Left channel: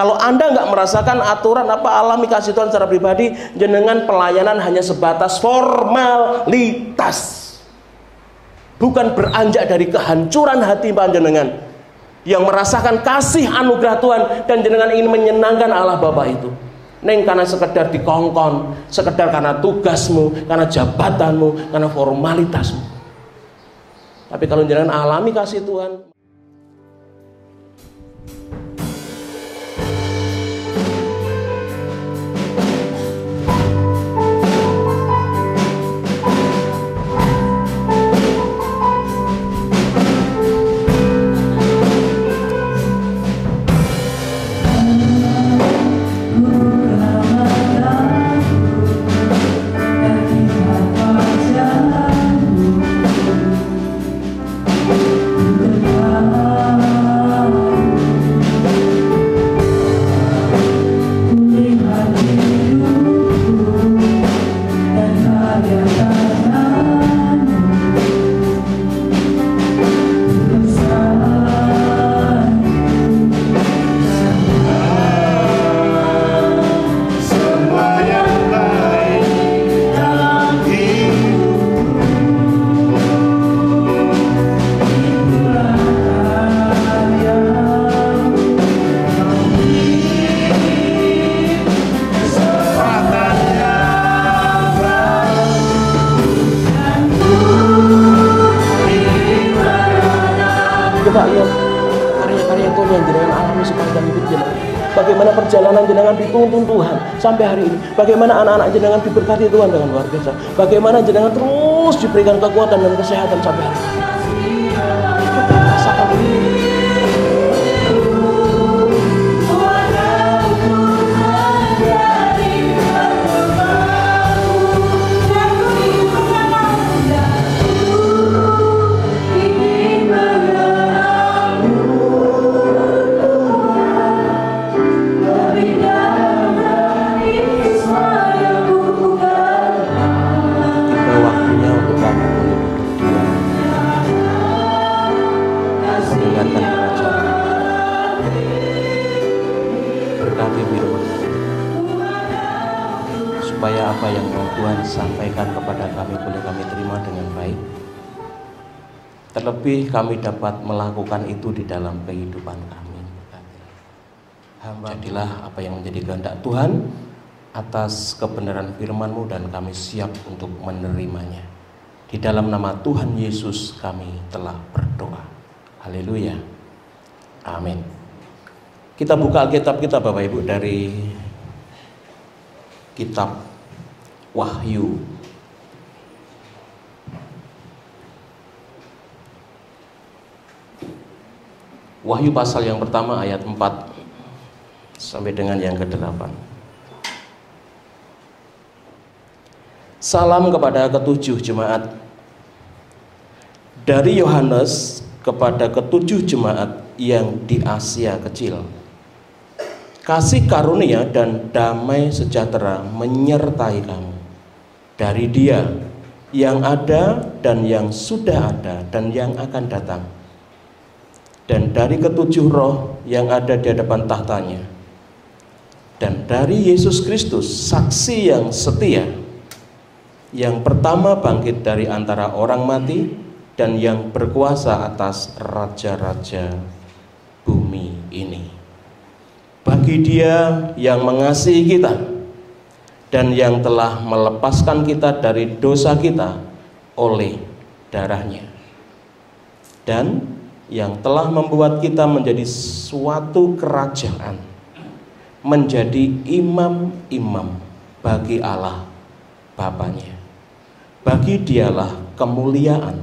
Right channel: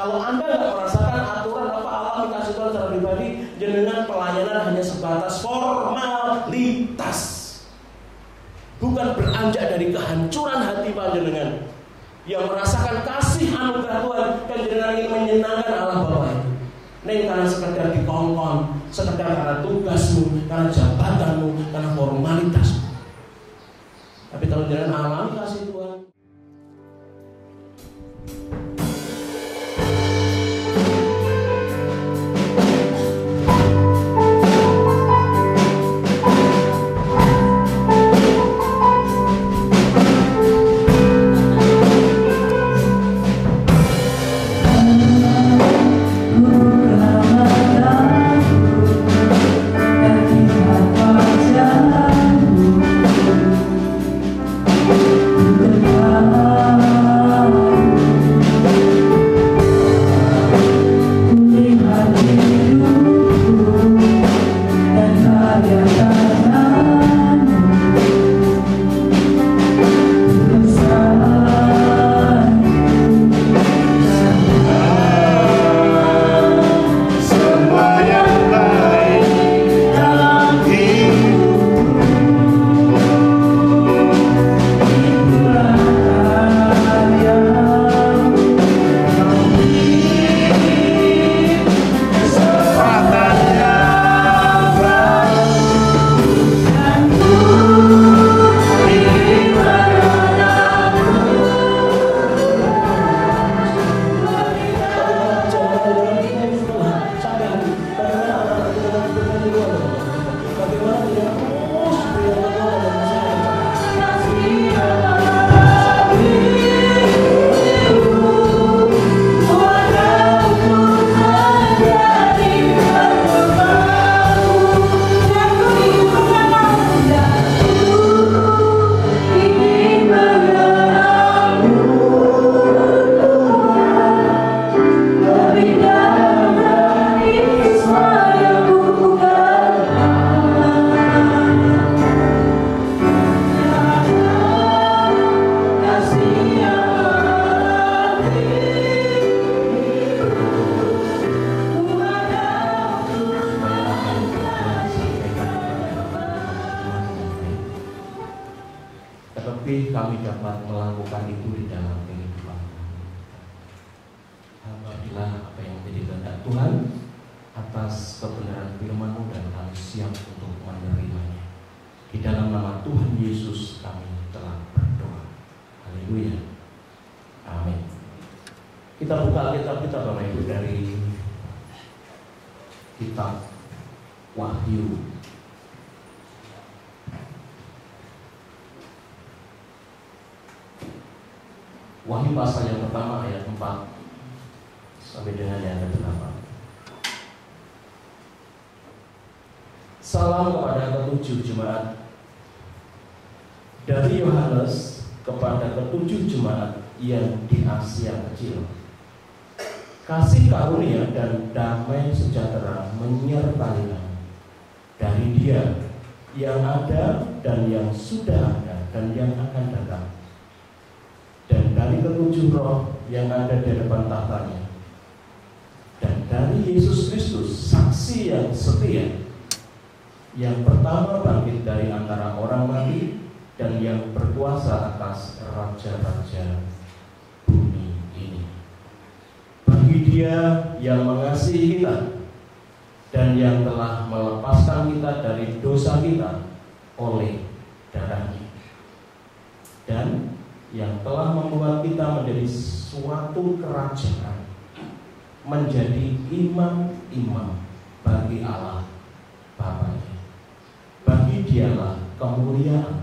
Kalau Anda nggak merasakan aturan apa alami kasih Tuhan secara pribadi, jenengan pelayanan hanya sebatas formalitas, bukan beranjak dari kehancuran hati panjenengan yang merasakan kasih anugerah Tuhan dan jenengan ingin menyenangkan Allah Bapa itu. Neng karena sekedar dikongkon, sekedar karena tugasmu, karena jabatanmu, karena formalitasmu. Tapi kalau jenengan alami kasih Tuhan, bagaimana anak-anak jenengan diberkati Tuhan dengan luar biasa. Bagaimana jenengan terus diberikan kekuatan dan kesehatan sampai kami dapat melakukan itu di dalam kehidupan kami. Jadilah apa yang menjadi kehendak Tuhan atas kebenaran firman-Mu dan kami siap untuk menerimanya. Di dalam nama Tuhan Yesus kami telah berdoa. Haleluya. Amin. Kita buka Alkitab kita Bapak Ibu dari kitab Wahyu. Wahyu pasal yang pertama ayat 4 sampai dengan yang ke-8. Salam kepada ketujuh jemaat dari Yohanes kepada ketujuh jemaat yang di Asia Kecil. Kasih karunia dan damai sejahtera menyertai kamu dari Dia yang ada dan yang sudah ada dan yang akan datang, dan dari ketujuh roh yang ada di hadapan tahtanya, dan dari Yesus Kristus saksi yang setia, yang pertama bangkit dari antara orang mati dan yang berkuasa atas raja-raja bumi ini. Bagi Dia yang mengasihi kita dan yang telah melepaskan kita dari dosa kita oleh darahnya, dan yang telah membuat kita menjadi suatu kerajaan, menjadi imam-imam bagi Allah Bapanya. Bagi Dialah kemuliaan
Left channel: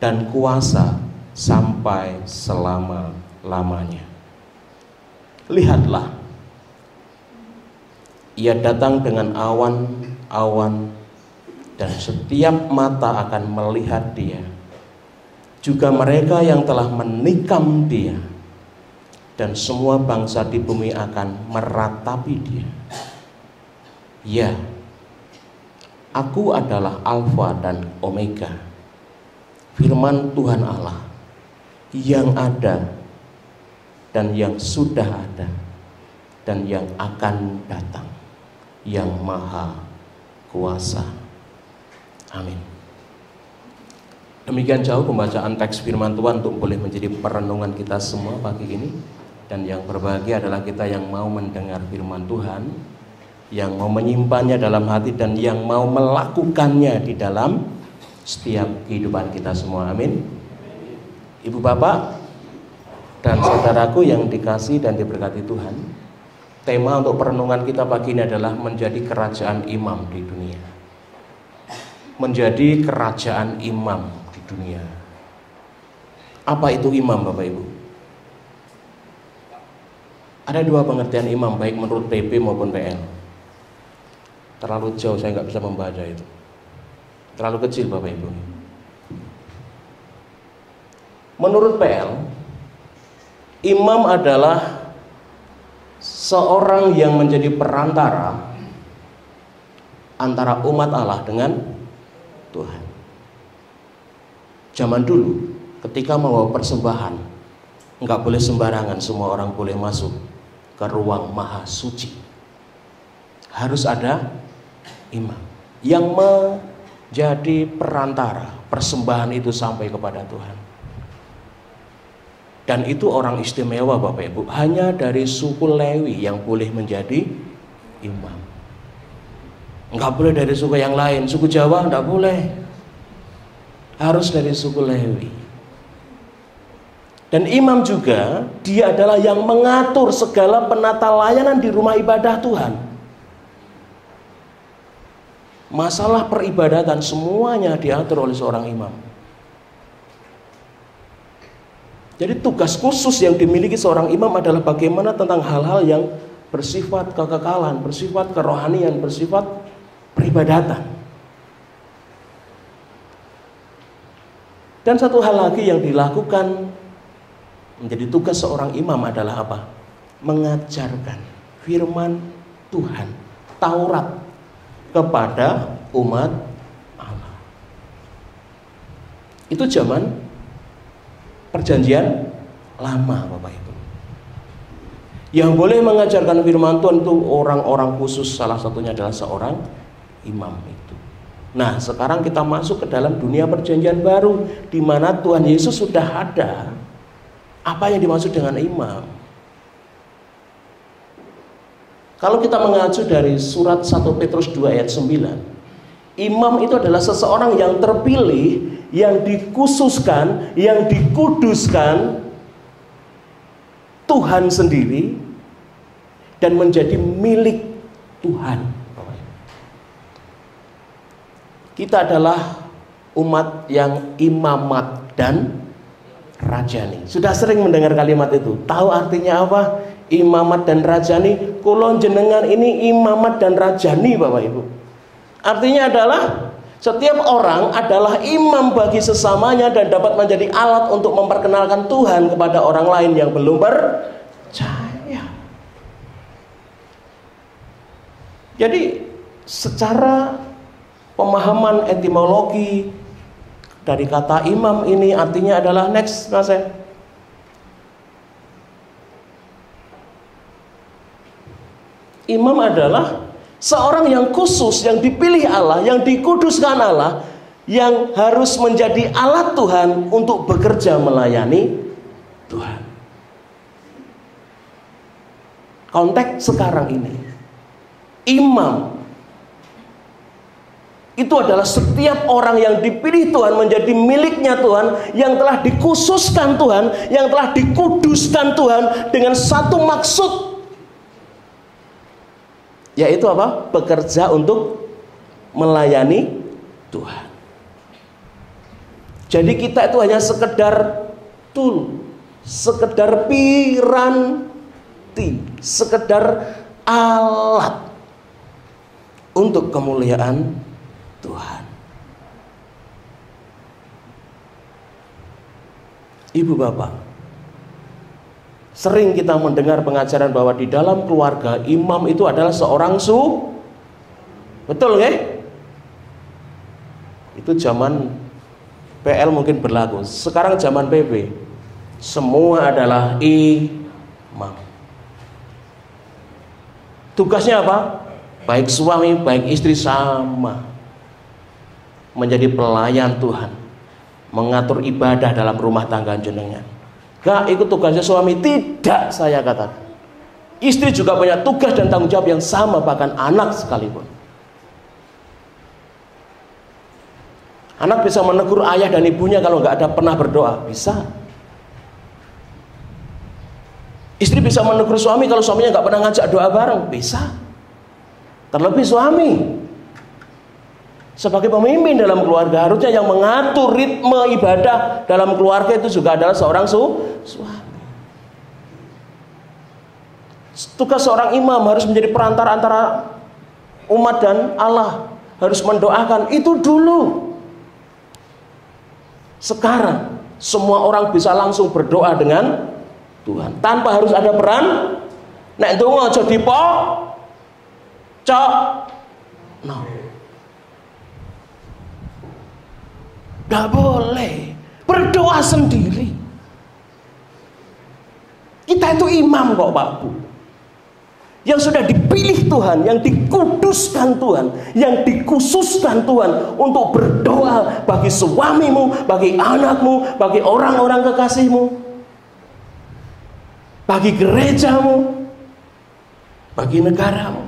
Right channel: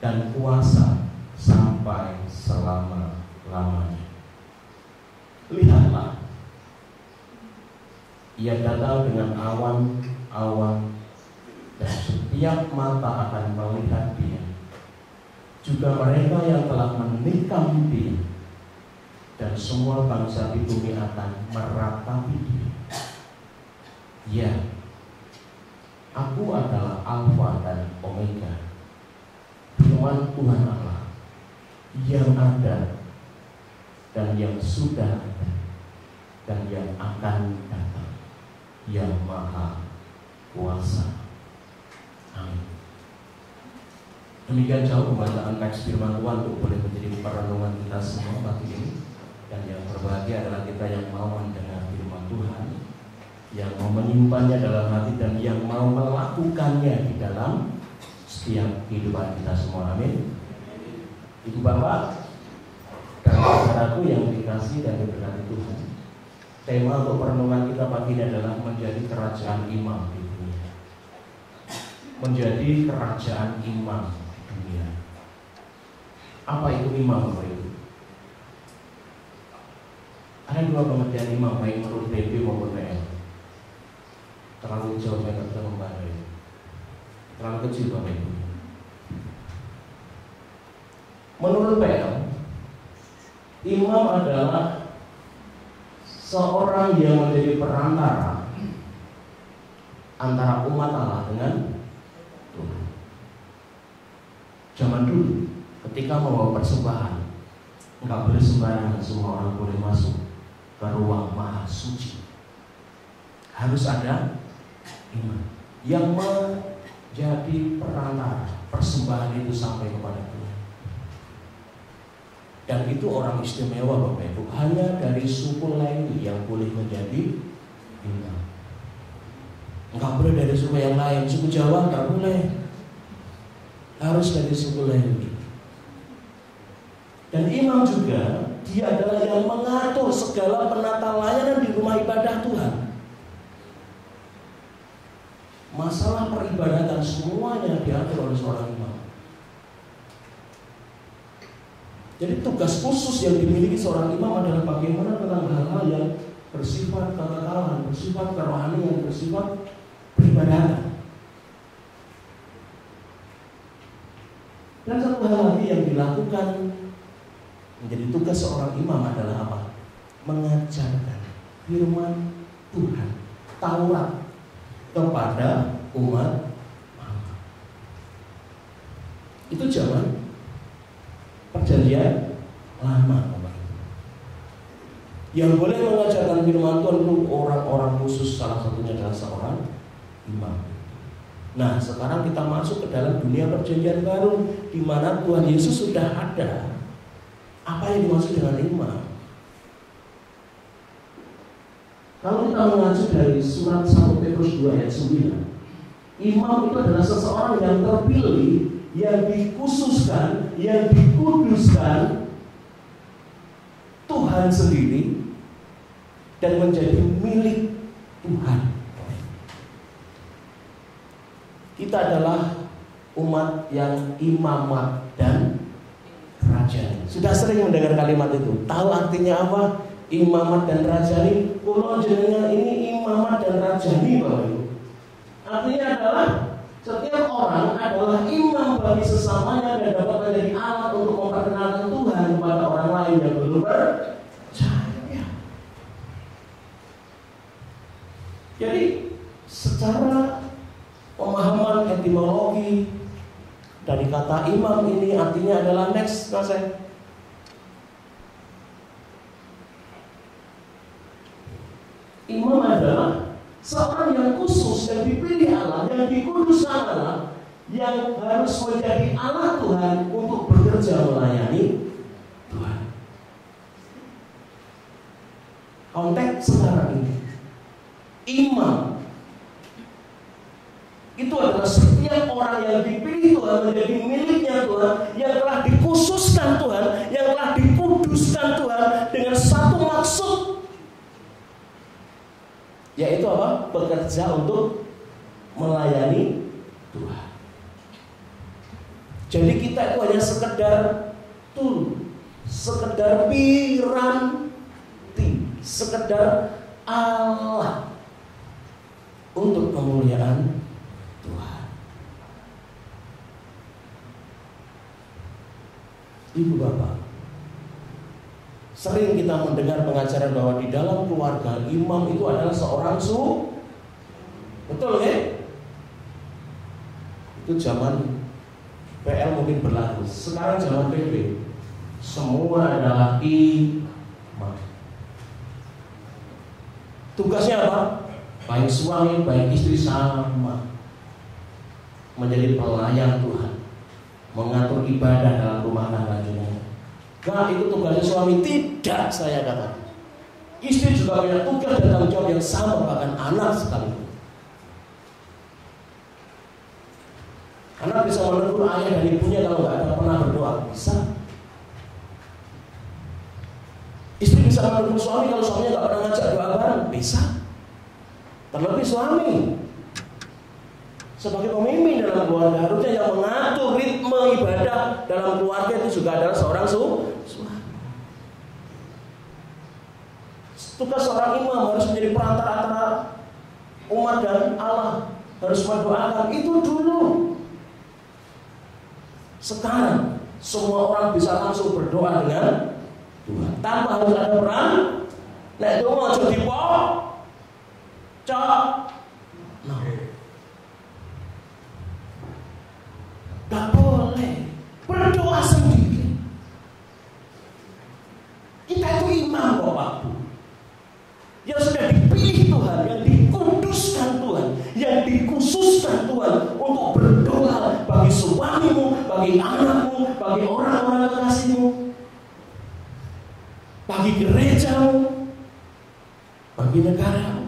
dan kuasa sampai selama-lamanya. Lihatlah, Ia datang dengan awan-awan, dan setiap mata akan melihat Dia, juga mereka yang telah menikam Dia, dan semua bangsa di bumi akan meratapi Dia. Ya, Aku adalah Alfa dan Omega, firman Tuhan Allah, yang ada dan yang sudah ada, dan yang akan datang, yang maha kuasa. Amin. Demikian jauh pembacaan teks firman Tuhan untuk boleh menjadi perenungan kita semua pagi ini. Dan yang berbahagia adalah kita yang mau mendengar firman Tuhan, yang mau menyimpannya dalam hati, dan yang mau melakukannya di dalam setiap kehidupan kita semua. Amin. Ibu bapak dan saudaraku yang dikasihi dan diberkati Tuhan, tema untuk perenungan kita pagi ini adalah menjadi kerajaan imam di dunia. Menjadi kerajaan imam di dunia. Apa itu imam, Bapak Ibu? Ada dua pengertian imam, baik menurut PP maupun PL. Terlalu jauh, saya nggak bisa membaca itu. Terlalu kecil, Bapak Ibu. Menurut PL, imam adalah seorang yang menjadi perantara antara umat Allah dengan Tuhan. Zaman dulu, ketika membawa persembahan, nggak boleh sembarangan semua orang boleh masuk ke ruang maha suci. Harus ada imam yang menjadi perantara persembahan itu sampai kepada Tuhan. Dan itu orang istimewa, Bapak Ibu. Hanya dari suku Lewi yang boleh menjadi imam. Enggak boleh dari suku yang lain. Suku Jawa enggak boleh. Harus dari suku Lewi. Dan imam juga, dia adalah yang mengatur segala penata layanan di rumah ibadah Tuhan. Masalah peribadatan semuanya diatur oleh seorang imam. Jadi tugas khusus yang dimiliki seorang imam adalah bagaimana tentang hal-hal yang bersifat kekekalan, bersifat kerohanian, bersifat peribadatan. Dan satu hal lagi yang dilakukan menjadi tugas seorang imam adalah apa? Mengajarkan firman Tuhan, Taurat, kepada umat Allah. Itu zaman Perjanjian Lama, Bapak Ibu. Yang boleh mengajarkan firman Tuhan itu orang-orang khusus, salah satunya adalah seorang imam itu. Nah, sekarang kita masuk ke dalam dunia Perjanjian Baru, di mana Tuhan Yesus sudah ada. Apa yang dimaksud dengan imam? Kalau kita mengacu dari surat 1 Petrus 2 ayat 9, imam itu adalah seseorang yang terpilih, yang dikhususkan, yang dikuduskan Tuhan sendiri dan menjadi milik Tuhan. Kita adalah umat yang imamat dan rajani. Sudah sering mendengar kalimat itu. Tahu artinya apa? Imamat dan rajani. Kulon jenengan ini imamat dan rajani, Bapak Ibu. Artinya adalah setiap orang adalah imam bagi sesamanya dan dapat menjadi alat untuk memperkenalkan Tuhan kepada orang lain yang belum percaya. Jadi secara pemahaman etimologi dari kata imam ini artinya adalah next, Naseh. Imam adalah seorang yang khusus, yang dipilih Allah, yang dikuduskan Allah, yang harus menjadi alat Tuhan untuk bekerja melayani Tuhan. Konteks sekarang ini, imam itu adalah setiap orang yang dipilih Tuhan menjadi miliknya Tuhan, yang telah dikhususkan Tuhan, yang telah dikuduskan Tuhan dengan satu maksud, yaitu apa? Bekerja untuk melayani Tuhan. Jadi kita itu hanya sekedar tool, sekedar piranti, sekedar alat untuk kemuliaan Tuhan. Ibu bapak, sering kita mendengar pengajaran bahwa di dalam keluarga imam itu adalah seorang betul nggak? Itu zaman PL mungkin berlaku. Sekarang zaman PP, semua adalah imam. Tugasnya apa? Baik suami, baik istri sama. Menjadi pelayan Tuhan, mengatur ibadah dalam rumah tangga jenengan. Gak ikut tugasnya suami, tidak saya katakan. Istri juga punya tugas dan tanggung jawab yang sama, bahkan anak sekalipun. Anak bisa menegur ayah dan ibunya kalau nggak ada pernah berdoa, bisa. Istri bisa menegur suami kalau suaminya nggak pernah ngajak doa bareng, bisa. Terlebih suami sebagai pemimpin dalam keluarga, harusnya yang mengatur ritme ibadah dalam keluarga itu juga adalah seorang suami. Tugas seorang imam harus menjadi perantara antara umat dan Allah, harus mendoakan itu dulu. Sekarang semua orang bisa langsung berdoa dengan Tuhan tanpa harus ada peran. Nek donga aja no. Gak boleh berdoa sendiri. Kita itu imam kok Pak Bu, yang sudah dipilih Tuhan, yang dikuduskan Tuhan, yang dikhususkan Tuhan untuk berdoa bagi suamimu, bagi anakmu, bagi orang-orang kekasihmu, bagi gerejamu, bagi negaramu,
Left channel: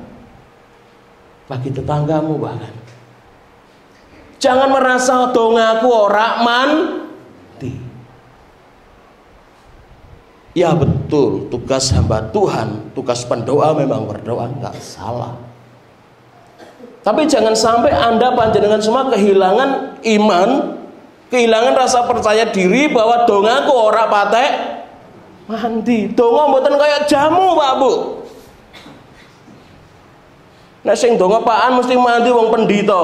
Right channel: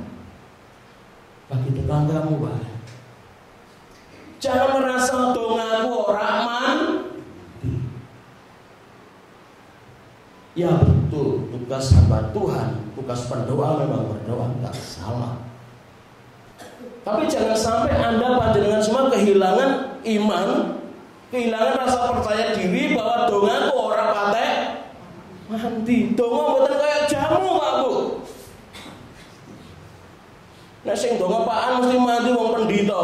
bagi tetanggamu bahkan. Jangan merasa dongaku ora mandi. Ya betul, tugas hamba Tuhan, tugas pendoa memang berdoa, nggak salah. Tapi jangan sampai Anda panjenengan semua kehilangan iman, kehilangan rasa percaya diri bahwa dongaku ora patek mandi. Donga mboten kayak jamu Pak Bu. Nek sing donga pakan mesti mandi wong pendito.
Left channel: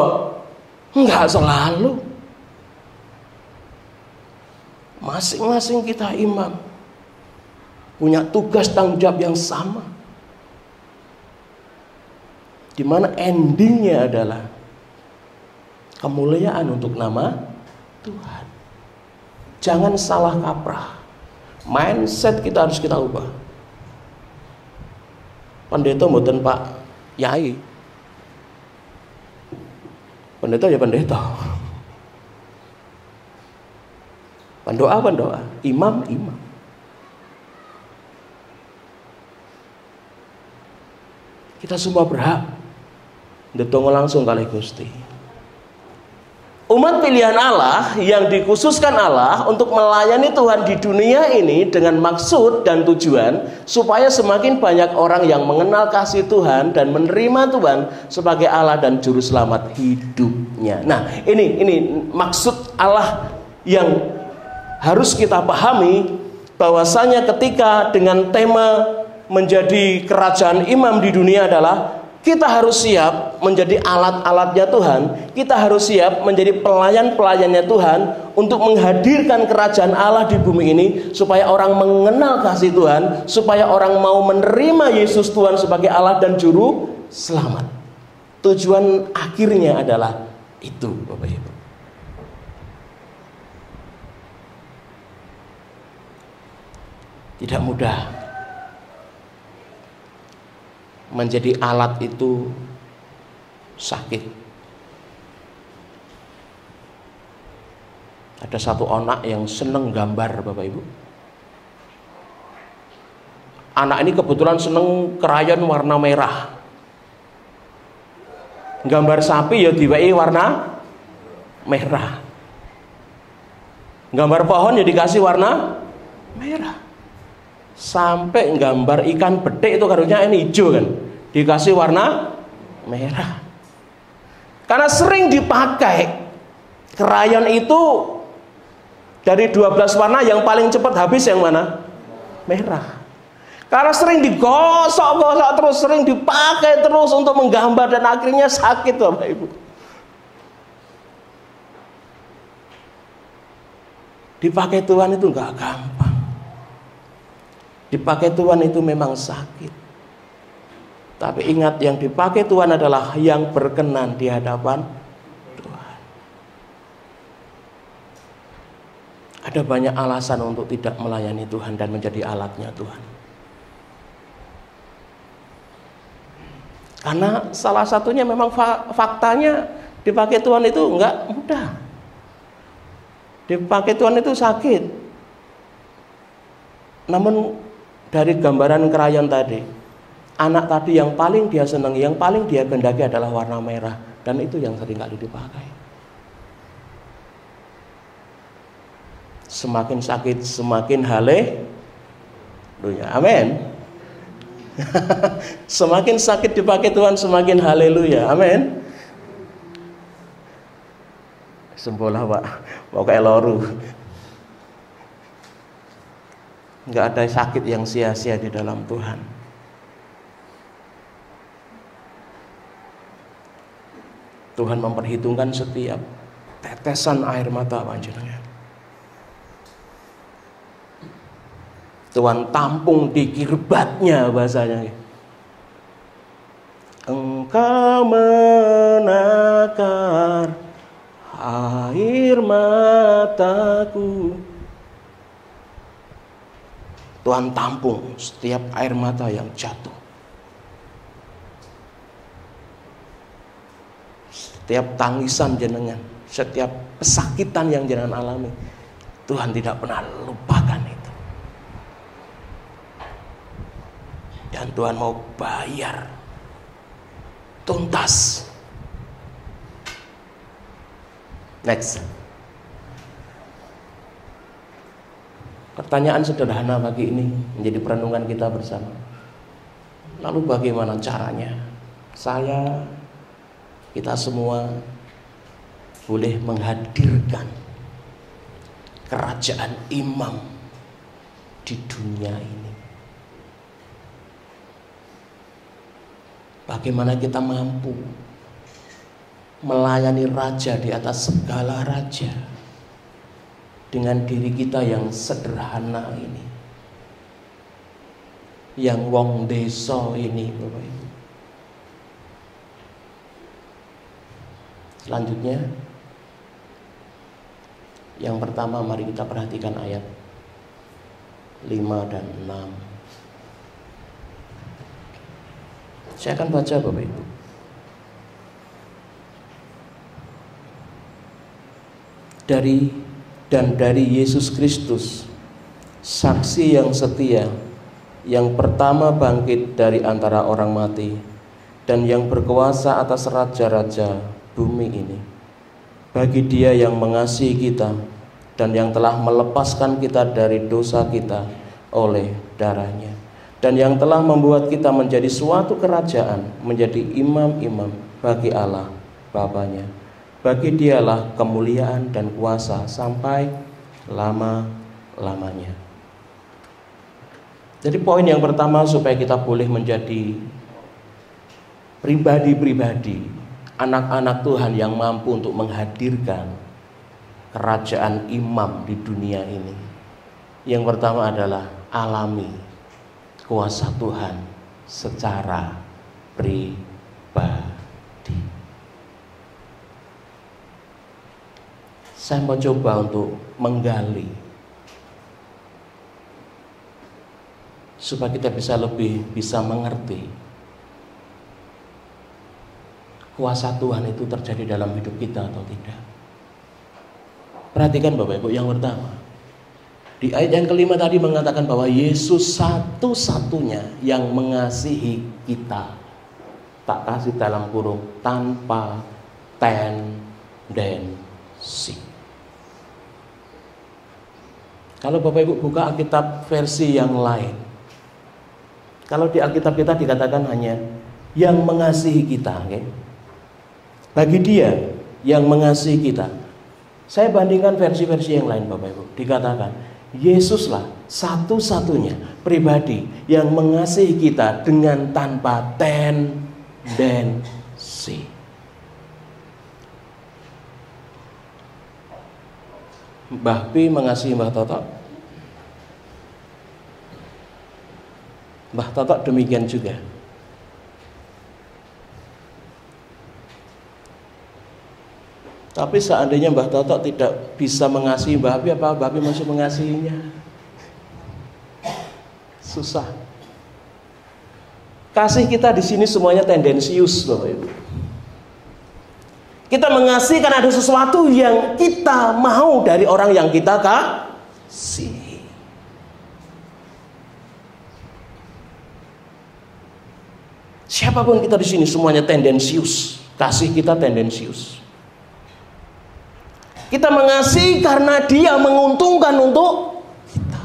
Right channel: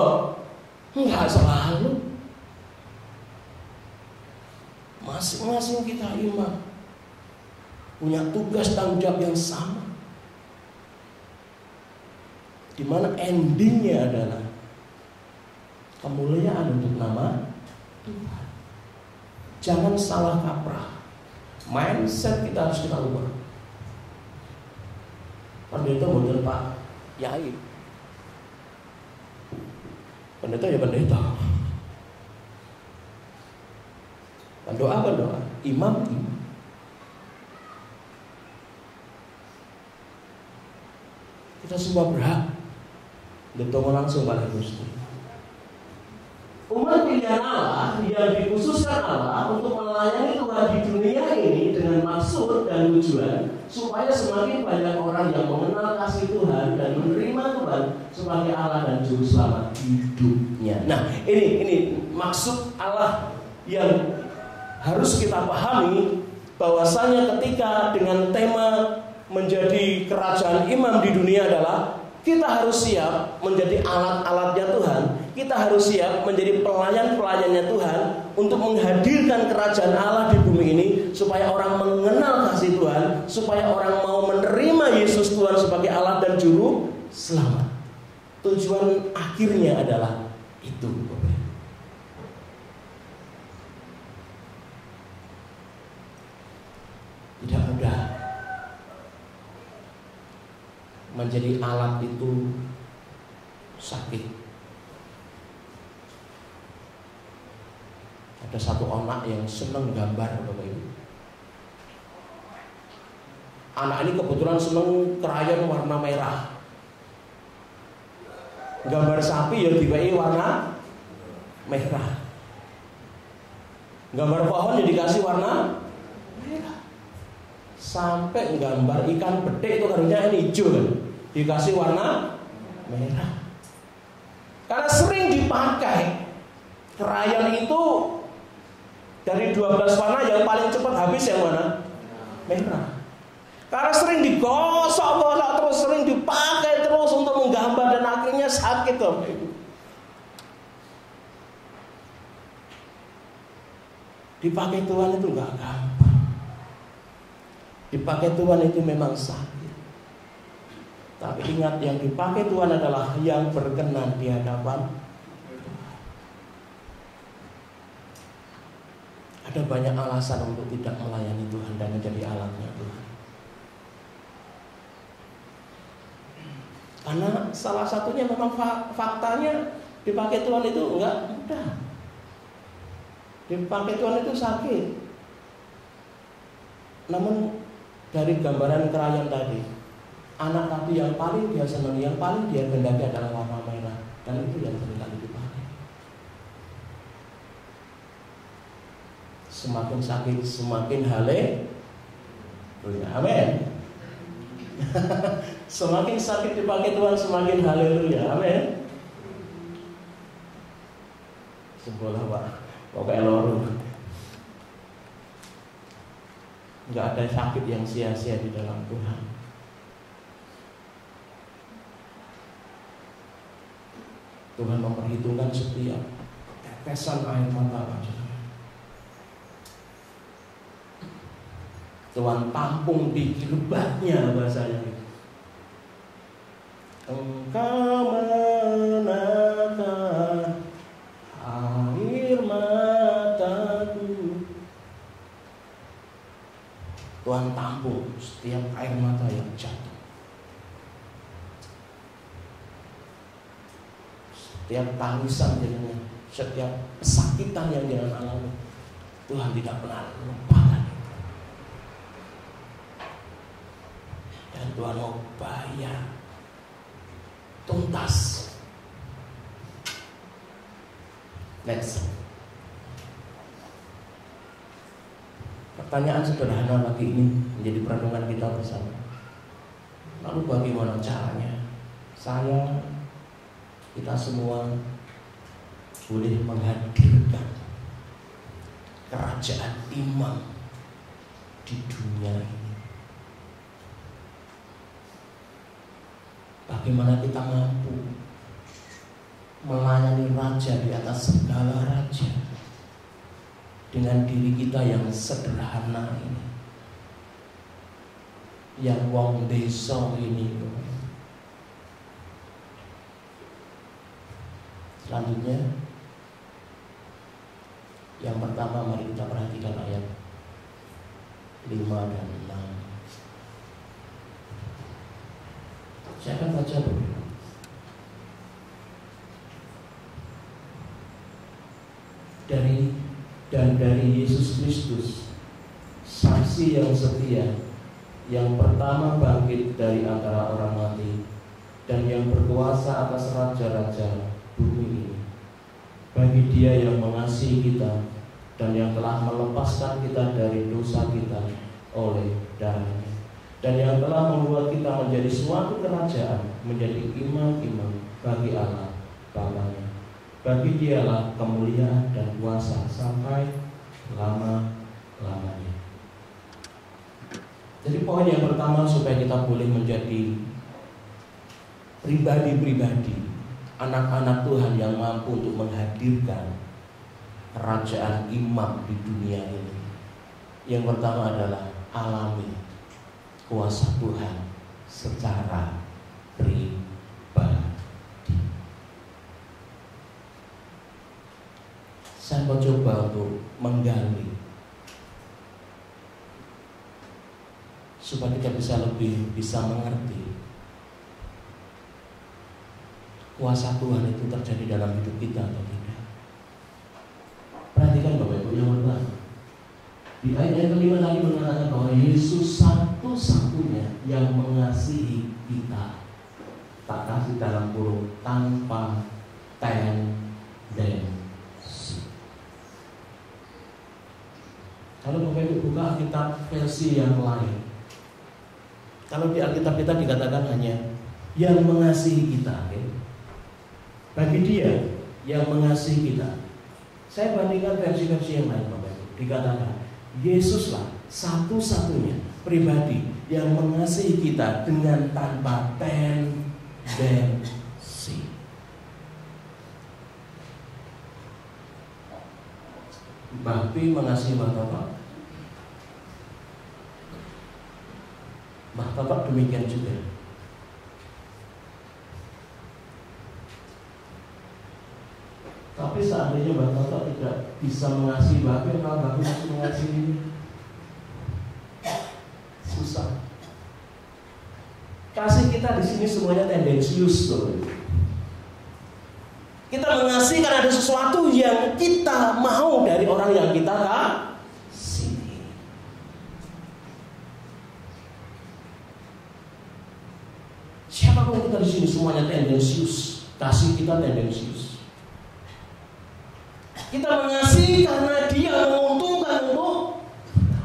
Enggak selalu. Masing-masing kita imam punya tugas tanggung jawab yang sama, di mana endingnya adalah kemuliaan untuk nama Tuhan. Jangan salah kaprah. Mindset kita harus kita ubah. Pendeta mboten Pak Yai. Pendeta ya pendeta. Pendoa, imam. Kita semua berhak ndedonga langsung kali Gusti. Umat pilihan Allah yang dikhususkan Allah untuk melayani Tuhan di dunia ini dengan maksud dan tujuan supaya semakin banyak orang yang mengenal kasih Tuhan dan menerima Tuhan sebagai Allah dan juru selamat hidupnya. Nah, ini maksud Allah yang harus kita pahami, bahwasanya ketika dengan tema menjadi kerajaan imam di dunia adalah kita harus siap menjadi alat-alatnya Tuhan. Kita harus siap menjadi pelayan-pelayannya Tuhan untuk menghadirkan kerajaan Allah di bumi ini, supaya orang mengenal kasih Tuhan, supaya orang mau menerima Yesus Tuhan sebagai Allah dan juru selamat. Tujuan akhirnya adalah itu, Bapak Ibu. Tidak mudah menjadi alat itu, sakit. Ada satu anak yang seneng gambar, Bapak Ibu. Anak ini kebetulan seneng krayon warna merah. Gambar sapi ya diwehi warna merah. Gambar pohon ya dikasih warna merah. Sampai gambar ikan bedek itu karunya ini hijau kan, dikasih warna merah. Karena sering dipakai krayon itu, dari 12 warna yang paling cepat habis yang mana? Merah. Karena sering digosok-gosok terus, sering dipakai terus untuk menggambar, dan akhirnya sakit Bapak Ibu. Dipakai Tuhan itu gak gampang. Dipakai Tuhan itu memang sakit. Tapi ingat, yang dipakai Tuhan adalah yang berkenan di hadapan Tuhan. Ada banyak alasan untuk tidak melayani Tuhan dan menjadi alatnya Tuhan. Karena salah satunya memang faktanya dipakai Tuhan itu enggak mudah. Dipakai Tuhan itu sakit. Namun dari gambaran krayon tadi, anak tadi yang paling dia senangi, yang paling dia kehendaki adalah warna merah, dan itu yang sering kali dipakai. Semakin sakit, semakin haleluya. Amin. Semakin sakit dipakai Tuhan, semakin haleluya. Amin. Sembola Pak, mau kayak loru. Enggak ada sakit yang sia-sia di dalam Tuhan. Tuhan memperhitungkan setiap tetesan air mata panjenengan. Tuhan tampung di kirbatnya bahasanya. Engkau menakar air mataku. Tuhan tampung setiap air mata yang jatuh. Setiap tangisan jenengan, setiap kesakitan yang jenengan alami, Tuhan tidak pernah lupakan itu. Dan Tuhan mau bayar tuntas. Next. Pertanyaan sederhana bagi ini menjadi perenungan kita bersama. Lalu bagaimana caranya kita semua boleh menghadirkan kerajaan imam di dunia ini? Bagaimana kita mampu melayani raja di atas segala raja dengan diri kita yang sederhana ini, yang wong desa ini. Selanjutnya, yang pertama mari kita perhatikan ayat 5 dan 6. Saya akan baca Bapak Ibu. Dari Yesus Kristus, saksi yang setia, yang pertama bangkit dari antara orang mati, dan yang berkuasa atas raja-raja bumi ini. Bagi Dia yang mengasihi kita dan yang telah melepaskan kita dari dosa kita oleh darah-Nya, dan yang telah membuat kita menjadi suatu kerajaan, menjadi imam-imam bagi Allah Bapa-Nya. Bagi Dialah kemuliaan dan kuasa sampai lama-lamanya. Jadi poin yang pertama, supaya kita boleh menjadi pribadi-pribadi, anak-anak Tuhan yang mampu untuk menghadirkan kerajaan imam di dunia ini. Yang pertama adalah alami kuasa Tuhan secara pribadi. Saya mau coba untuk menggali supaya kita bisa mengerti kuasa Tuhan itu terjadi dalam hidup kita atau tidak. Perhatikan Bapak Ibu, yang pertama, di ayat yang kelima tadi mengatakan bahwa Yesus satu-satunya yang mengasihi kita. Tak kasih dalam kurung, tanpa tendensi. Kalau Bapak Ibu buka Alkitab versi yang lain, kalau di Alkitab kita dikatakan hanya yang mengasihi kita, okay? Bagi Dia yang mengasihi kita. Saya bandingkan versi-versi yang lain Bapak Ibu, dikatakan Yesuslah satu-satunya pribadi yang mengasihi kita dengan tanpa tendensi. Mbah Pi mengasihi Mbah Toto, Mbah Toto demikian juga. Tapi seandainya Mbah Toto tidak bisa mengasihi Mbah Pi, apa Mbah Pi masih mengasihinya? Susah. Kasih kita di sini semuanya tendensius, Bapak Ibu. Kita mengasihi karena ada sesuatu yang kita mau dari orang yang kita kasih. Siapapun kita di sini semuanya tendensius. Kasih kita tendensius. Kita mengasihi karena dia menguntungkan untuk kita.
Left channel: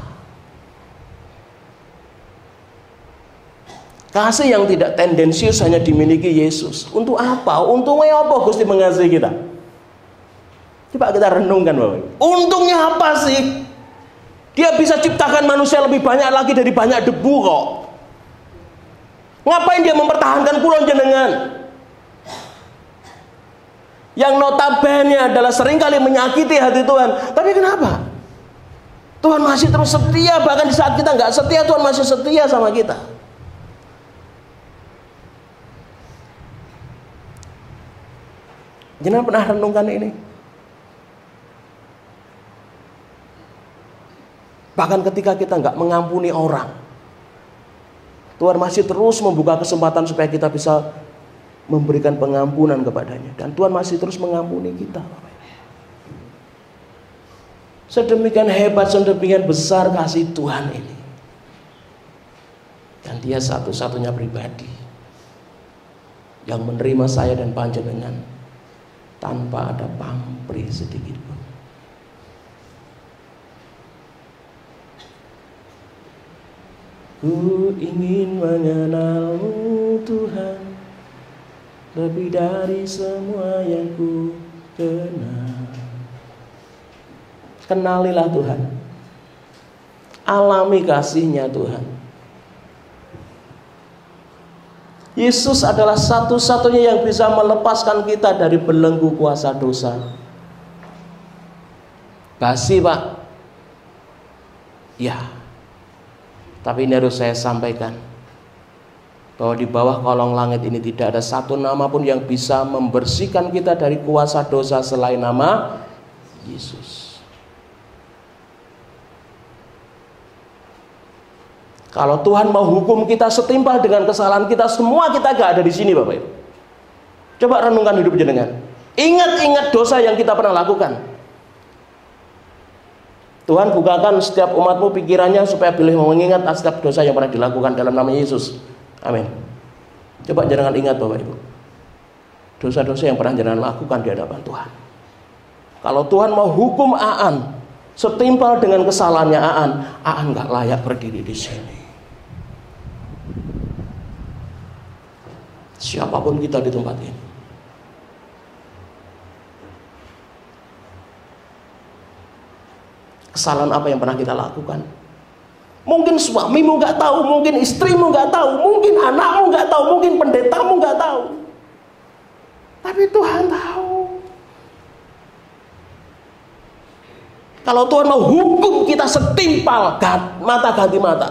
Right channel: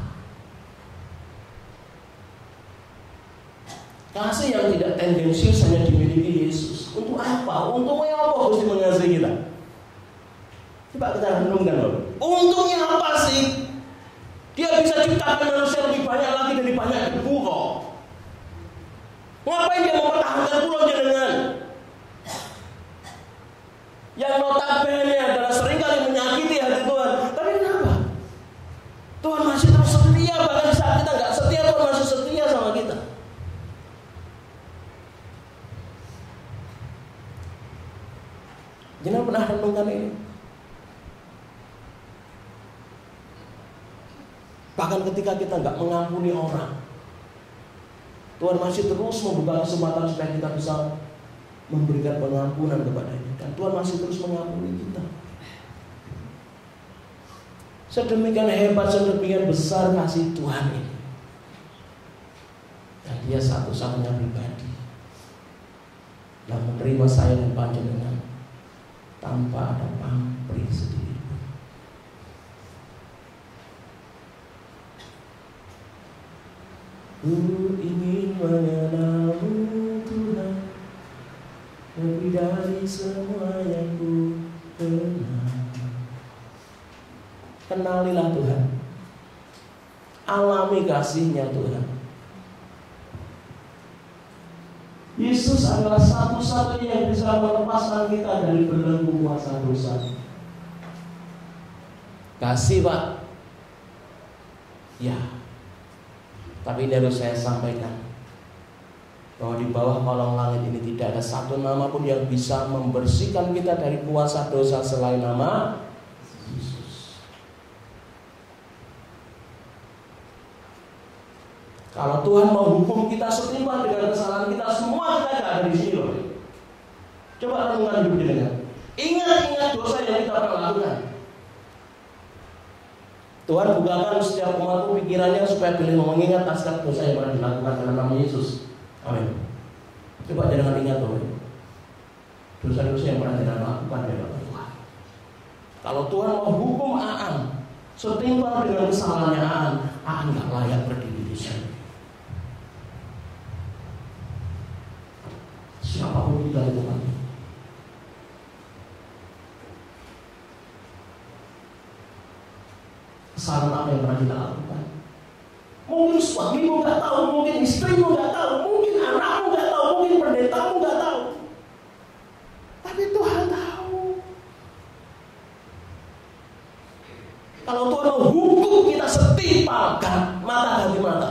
Kasih yang tidak tendensius hanya dimiliki Yesus. Untuk apa? Untungnya apa Gusti mengasihi kita? Coba kita renungkan, Bapak. Untungnya apa sih? Dia bisa ciptakan manusia lebih banyak lagi dari banyak debu kok. Ngapain dia mempertahankan kula jenengan? Yang notabene adalah seringkali menyakiti hati Tuhan. Tapi kenapa? Tuhan masih terus setia. Bahkan di saat kita nggak setia, Tuhan masih setia sama kita. Jangan pernah renungkan ini. Bahkan ketika kita nggak mengampuni orang, Tuhan masih terus membuka kesempatan supaya kita bisa memberikan pengampunan kepadanya. Dan Tuhan masih terus mengampuni kita. Sedemikian hebat, sedemikian besar kasih Tuhan ini. Dan dia satu-satunya pribadi yang menerima saya dan panjenengan tanpa ada pamrih sedikit. Ku ingin mengenalmu Tuhan, lebih dari semua yang ku kenal. Kenalilah Tuhan. Alami kasih-Nya Tuhan. Yesus adalah satu-satunya yang bisa melepaskan kita dari belenggu kuasa dosa. Kasih, Pak. Ya. Tapi ini harus saya sampaikan, bahwa di bawah kolong langit ini tidak ada satu nama pun yang bisa membersihkan kita dari kuasa dosa selain nama Yesus. Kalau Tuhan mau hukum kita setimpal dengan kesalahan kita, semua kita gak ada di sini, Bapak Ibu. Coba renungkan hidup jenengan. Ingat-ingat dosa yang kita pernah lakukan. Tuhan bukakan setiap umatmu pikirannya supaya boleh mengingat setiap dosa yang pernah dilakukan dalam nama Yesus. Amin. Coba jangan ingat, Bapak Ibu, dosa-dosa yang pernah jangan lakukan di hadapan Tuhan. Kalau Tuhan mau hukum Aan setimpal dengan kesalahannya Aan gak layak berdiri di sini. Siapapun kita di tempat ini. Kesalahan apa yang pernah kita lakukan? Mungkin suamimu gak tahu, mungkin istrimu gak tahu, mungkin anakmu gak tahu, mungkin pendetamu gak tahu. Tapi Tuhan tahu. Kalau Tuhan mau hukum kita setimpal, mata ganti mata,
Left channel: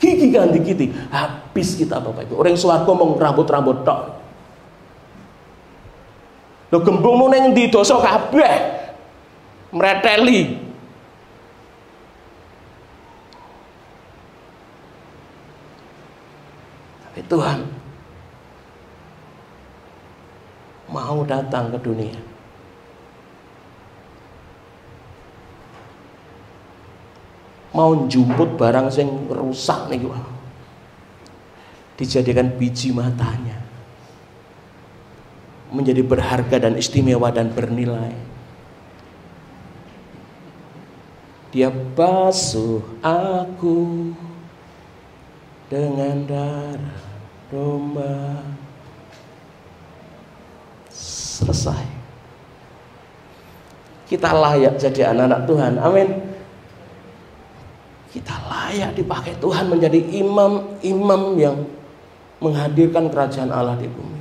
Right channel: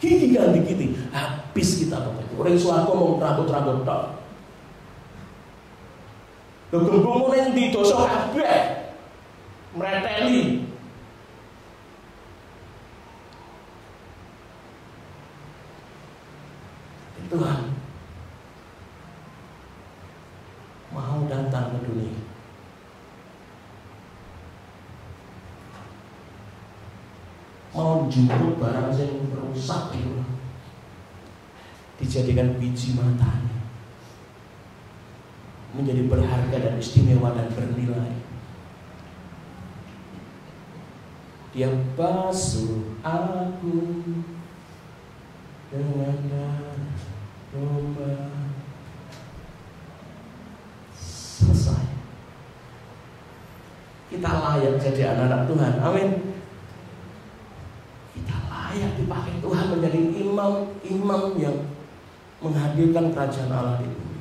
gigi ganti gigi, habis kita, Bapak Ibu. Orang swarga mau rambut-rambut tok. Lho gembungmu ning ndi dosa kabeh. Mreteli. Tuhan mau datang ke dunia. Mau jemput barang yang rusak nih, dijadikan biji matanya, menjadi berharga dan istimewa dan bernilai. Dia basuh aku dengan darah domba. Selesai. Kita layak jadi anak-anak Tuhan. Amin. Kita layak dipakai Tuhan menjadi imam-imam yang menghadirkan kerajaan Allah di bumi.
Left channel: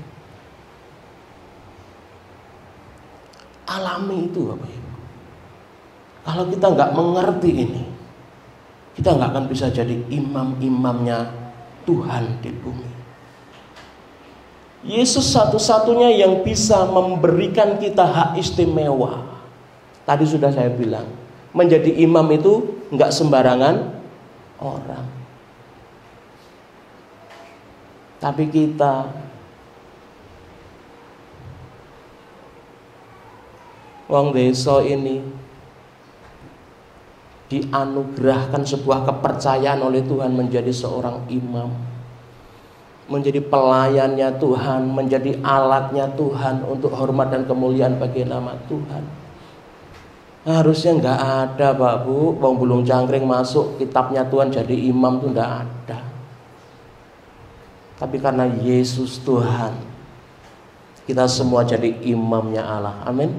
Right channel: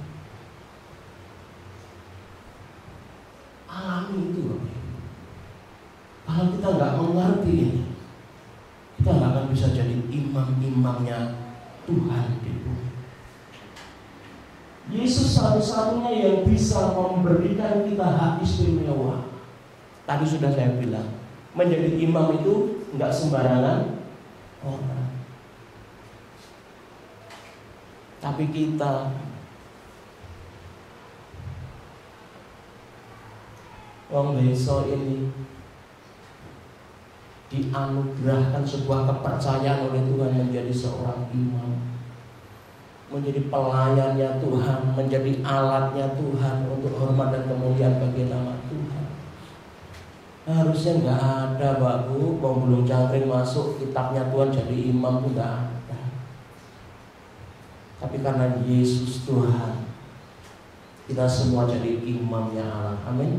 Alami itu, Bapak Ibu. Kalau kita nggak mengerti ini, kita nggak akan bisa jadi imam-imamnya Tuhan di bumi. Yesus satu-satunya yang bisa memberikan kita hak istimewa. Tadi sudah saya bilang, menjadi imam itu nggak sembarangan orang. Tapi kita wong desa ini dianugerahkan sebuah kepercayaan oleh Tuhan menjadi seorang imam, menjadi pelayannya Tuhan, menjadi alatnya Tuhan untuk hormat dan kemuliaan bagi nama Tuhan. Harusnya nggak ada Pak Bu, wong bulung cangkring masuk kitabnya Tuhan jadi imam itu nggak ada. Tapi karena Yesus Tuhan, kita semua jadi imamnya Allah. Amin.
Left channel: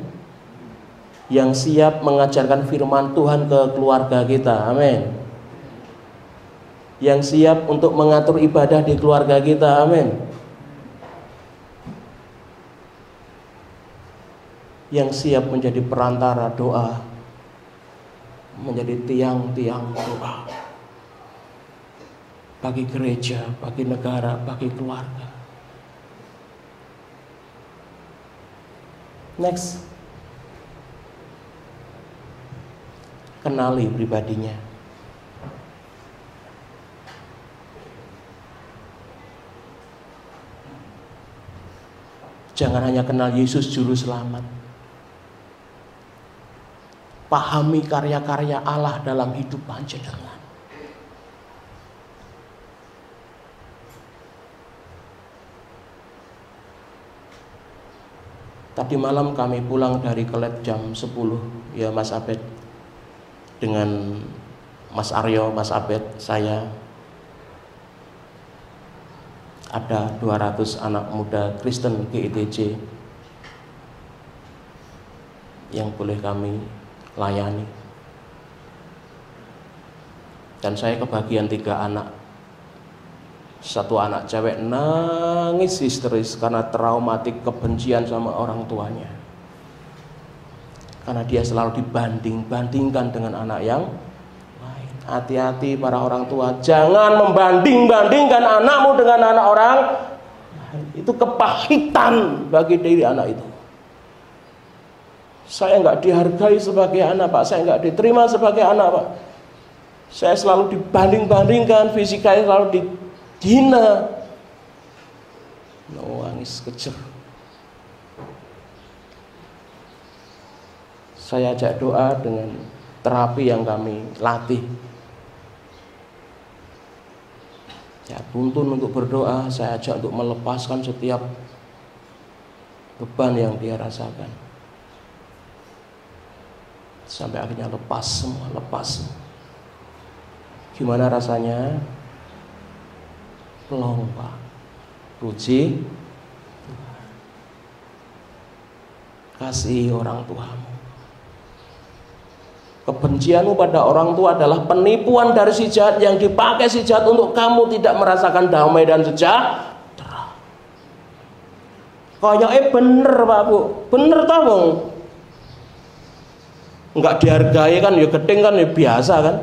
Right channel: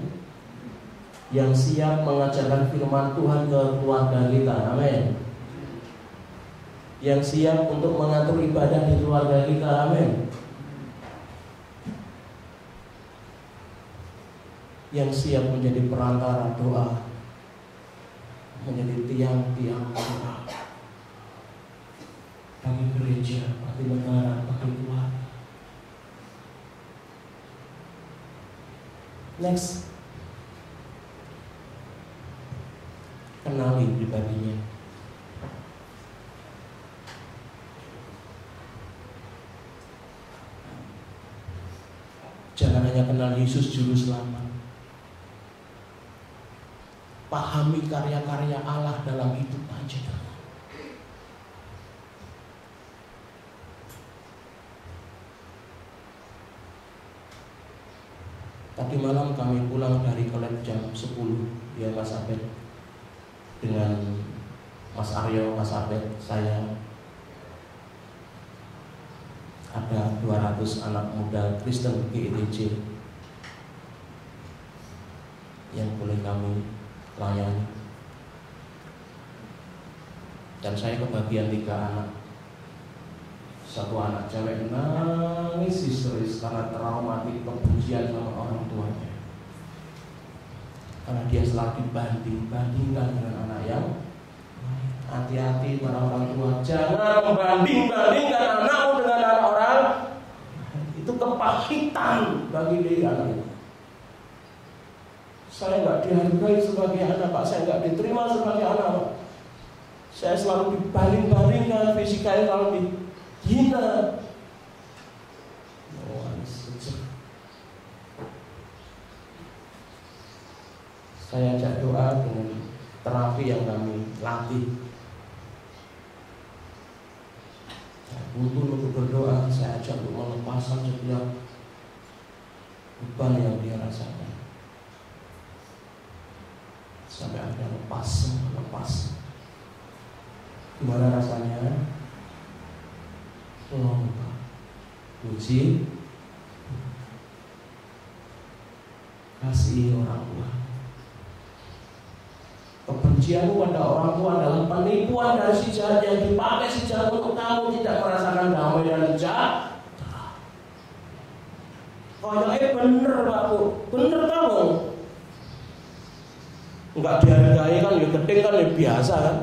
Yang siap mengajarkan firman Tuhan ke keluarga kita. Amin. Yang siap untuk mengatur ibadah di keluarga kita. Amin. Yang siap menjadi perantara doa, menjadi tiang-tiang doa bagi gereja, bagi negara, bagi keluarga. Next, kenali pribadinya. Jangan hanya kenal Yesus juru selamat, pahami karya-karya Allah dalam hidup panjenengan. Tadi malam kami pulang dari kelab jam 10, ya Mas Abed, dengan Mas Aryo, Mas Abed, saya. Ada 200 anak muda Kristen GITJ yang boleh kami layani. Dan saya kebagian 3 anak. Satu anak cewek nangis histeris karena traumatik kebencian sama orang tuanya, karena dia selalu dibanding-bandingkan dengan anak yang lain. Hati-hati para orang tua, jangan membanding-bandingkan anakmu dengan anak orang lain. Itu kepahitan bagi diri anak itu. Saya nggak dihargai sebagai anak Pak, saya nggak diterima sebagai anak Pak. Saya selalu dibanding-bandingkan, fisikanya selalu dihina. Nangis kejam. Saya ajak doa dengan terapi yang kami latih. Ya, tuntun untuk berdoa, saya ajak untuk melepaskan setiap beban yang dia rasakan. Sampai akhirnya lepas semua, lepas. Gimana rasanya? Lomba. Puji, kasih orang tuamu. Kebencianmu pada orang tua adalah penipuan dari si jahat yang dipakai si jahat untuk kamu tidak merasakan damai dan sejahtera. Kayaknya bener Pak Bu, bener tau. Enggak dihargai kan, ya gedeng kan, ya biasa kan.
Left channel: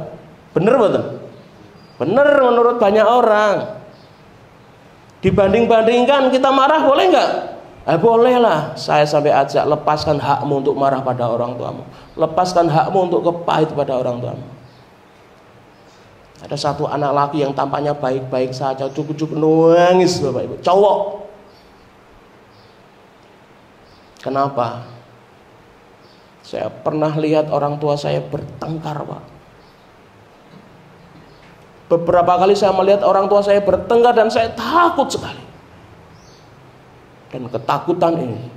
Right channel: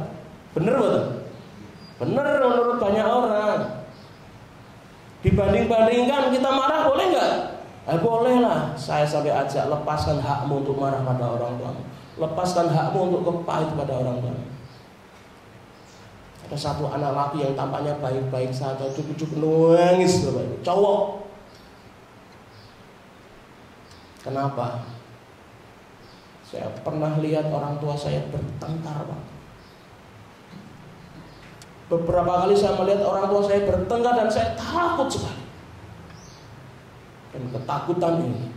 Bener betul? Bener menurut banyak orang. Dibanding-bandingkan kita marah boleh nggak? Boleh lah. Saya sampai ajak, lepaskan hakmu untuk marah pada orang tuamu. Lepaskan hakmu untuk kepahit pada orang tuamu. Ada satu anak laki yang tampaknya baik-baik saja, cukup-cukup nangis Bapak Ibu, cowok. Kenapa? Saya pernah lihat orang tua saya bertengkar Pak. Beberapa kali saya melihat orang tua saya bertengkar dan saya takut sekali. Dan ketakutan ini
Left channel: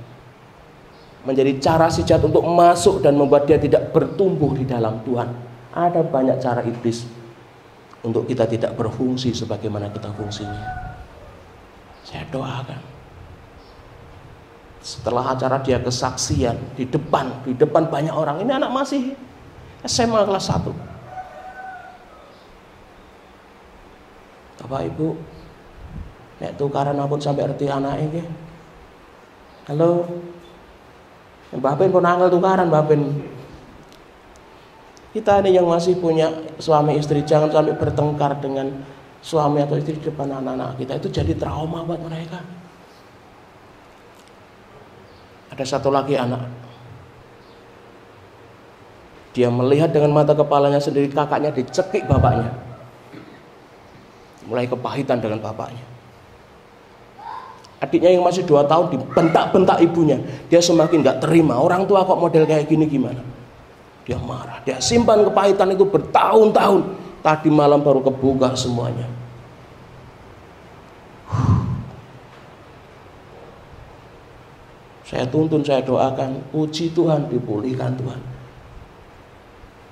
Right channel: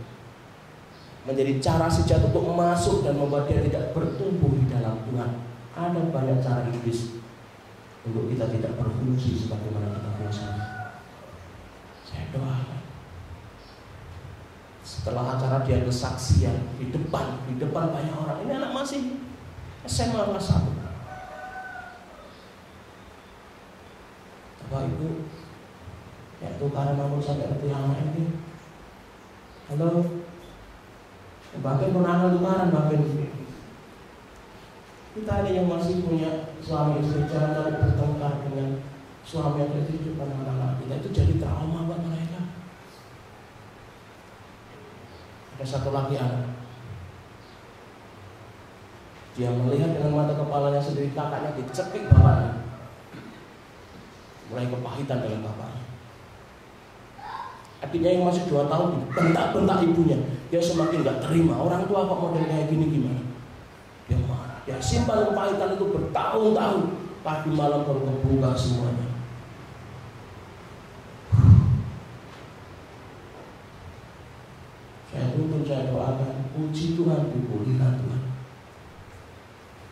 menjadi cara si jahat untuk masuk dan membuat dia tidak bertumbuh di dalam Tuhan. Ada banyak cara iblis untuk kita tidak berfungsi sebagaimana kita fungsinya. Saya doakan, setelah acara dia kesaksian di depan banyak orang. Ini anak masih SMA kelas 1. Bapak Ibu, nek tukaran aku sampai arti anak ini. Halo, Mbak Ben pun angel tukaran Mbak Ben. Kita ini yang masih punya suami istri, jangan sampai bertengkar dengan suami atau istri di depan anak-anak kita. Itu jadi trauma buat mereka. Ada satu lagi anak, dia melihat dengan mata kepalanya sendiri kakaknya dicekik bapaknya. Mulai kepahitan dengan bapaknya. Adiknya yang masih 2 tahun dibentak-bentak ibunya. Dia semakin gak terima. Orang tua kok model kayak gini gimana? Dia marah. Dia simpan kepahitan itu bertahun-tahun. Tadi malam baru kebuka semuanya. Saya tuntun, saya doakan. Puji Tuhan, dipulihkan Tuhan.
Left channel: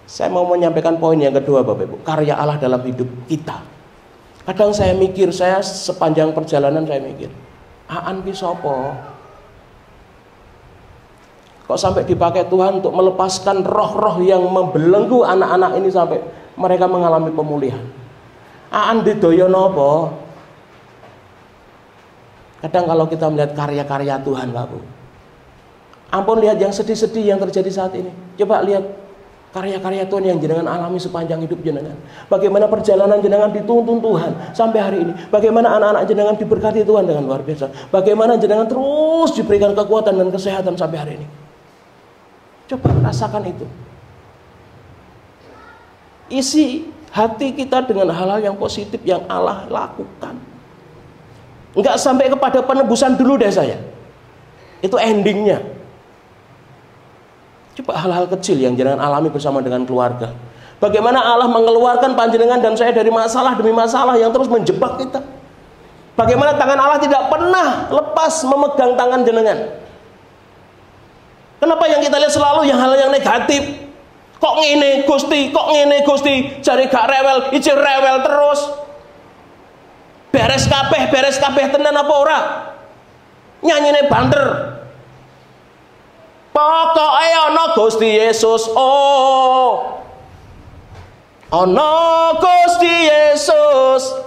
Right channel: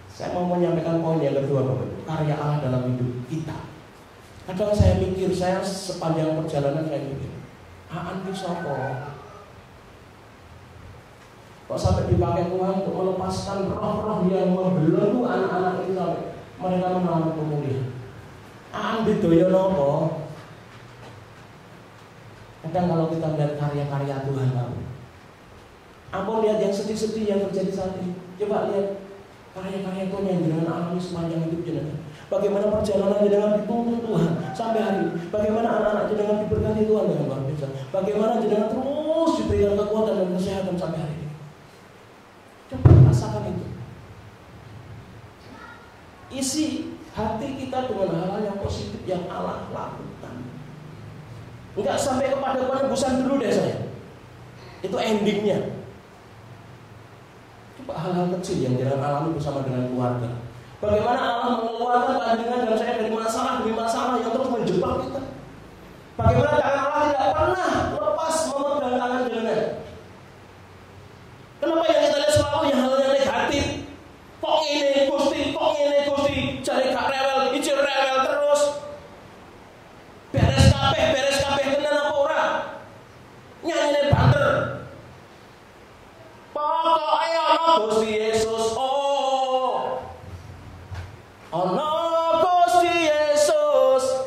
Saya mau menyampaikan poin yang kedua Bapak Ibu. Karya Allah dalam hidup kita. Kadang saya mikir, saya sepanjang perjalanan saya mikir, Aan ki sapa? Kok sampai dipakai Tuhan untuk melepaskan roh-roh yang membelenggu anak-anak ini sampai mereka mengalami pemulihan. Aan didoyo napa? Kadang kalau kita melihat karya-karya Tuhan Bapak, ampun lihat yang sedih-sedih yang terjadi saat ini. Coba lihat karya-karya Tuhan yang jenengan alami sepanjang hidup jenengan. Bagaimana perjalanan jenengan dituntun Tuhan sampai hari ini. Bagaimana anak-anak jenengan diberkati Tuhan dengan luar biasa. Bagaimana jenengan terus diberikan kekuatan dan kesehatan sampai hari ini. Coba rasakan itu. Isi hati kita dengan hal-hal yang positif yang Allah lakukan. Enggak sampai kepada penebusan dulu deh saya. Itu endingnya. Coba hal-hal kecil yang jenengan alami bersama dengan keluarga. Bagaimana Allah mengeluarkan panjenengan dan saya dari masalah demi masalah yang terus menjebak kita. Bagaimana tangan Allah tidak pernah lepas memegang tangan jenengan. Kenapa yang kita lihat selalu yang hal yang negatif? Kok ngene Gusti, kok ngene Gusti, jari gak rewel, ijir rewel terus. Beres kabeh tenan apa ora? Nyanyine banter. Pokoke ana Gusti Yesus, oh. Ana Gusti Yesus.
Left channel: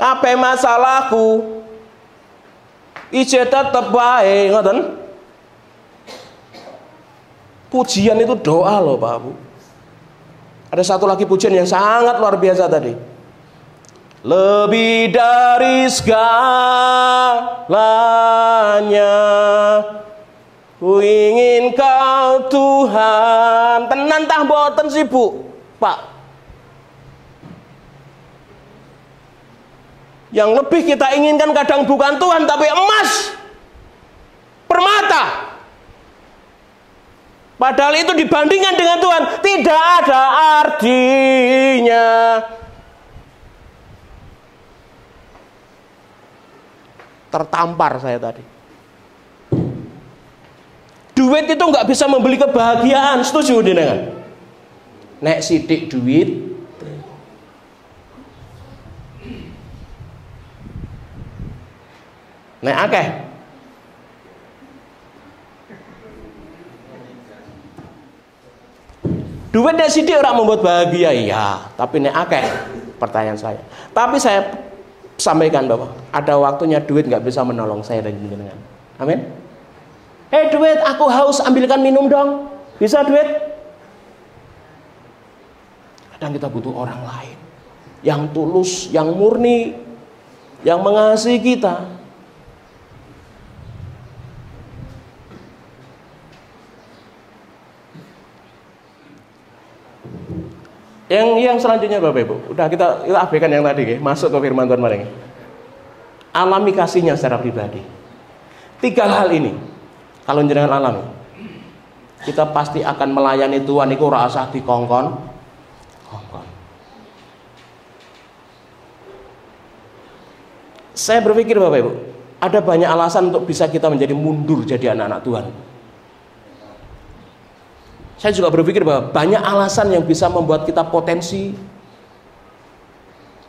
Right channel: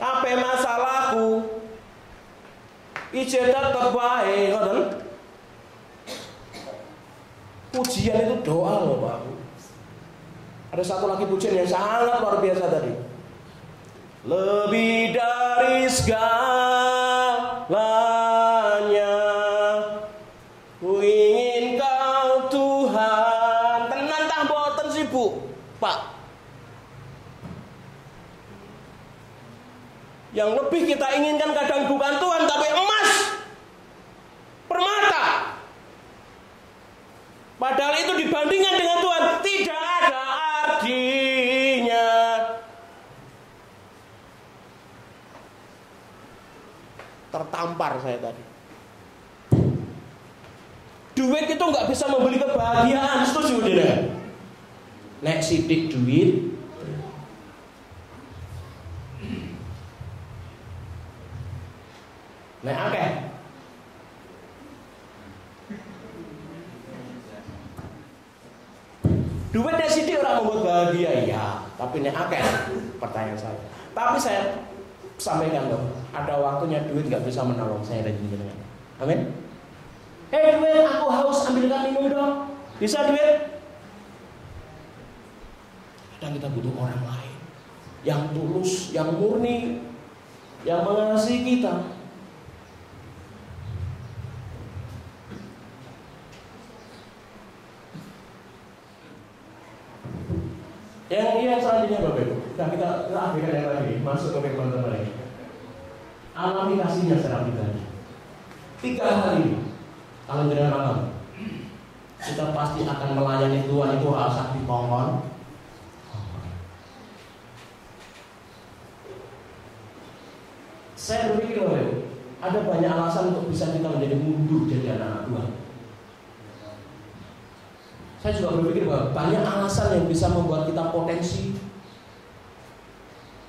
Kabeh masalahku ije tetep wae, ngoten. Pujian itu doa loh Pak Bu. Ada satu lagi pujian yang sangat luar biasa tadi. Lebih dari segalanya ku ingin kau Tuhan. Tenan tah mboten sih Bu, Pak. Yang lebih kita inginkan kadang bukan Tuhan tapi emas, permata. Padahal itu dibandingkan dengan Tuhan tidak ada artinya. Tertampar saya tadi. Duit itu nggak bisa membeli kebahagiaan, setuju dengan? Nek sidik duit, nek akeh. Duit nek sidik orang membuat bahagia, iya. Tapi nek akeh, pertanyaan saya. Tapi saya sampaikan bahwa ada waktunya duit nggak bisa menolong saya dan jenengan. Amin. Duit, aku haus, ambilkan minum dong. Bisa duit? Kadang kita butuh orang lain yang tulus, yang murni, yang mengasihi kita. Yang selanjutnya Bapak Ibu, udah kita abaikan yang tadi, masuk ke firman Tuhan mari. Alami kasihnya secara pribadi. 3 hal ini kalau jenengan alami, kita pasti akan melayani Tuhan iku ora usah dikongkon. Saya berpikir Bapak Ibu, ada banyak alasan untuk bisa kita menjadi mundur jadi anak-anak Tuhan. Saya juga berpikir bahwa banyak alasan yang bisa membuat kita potensi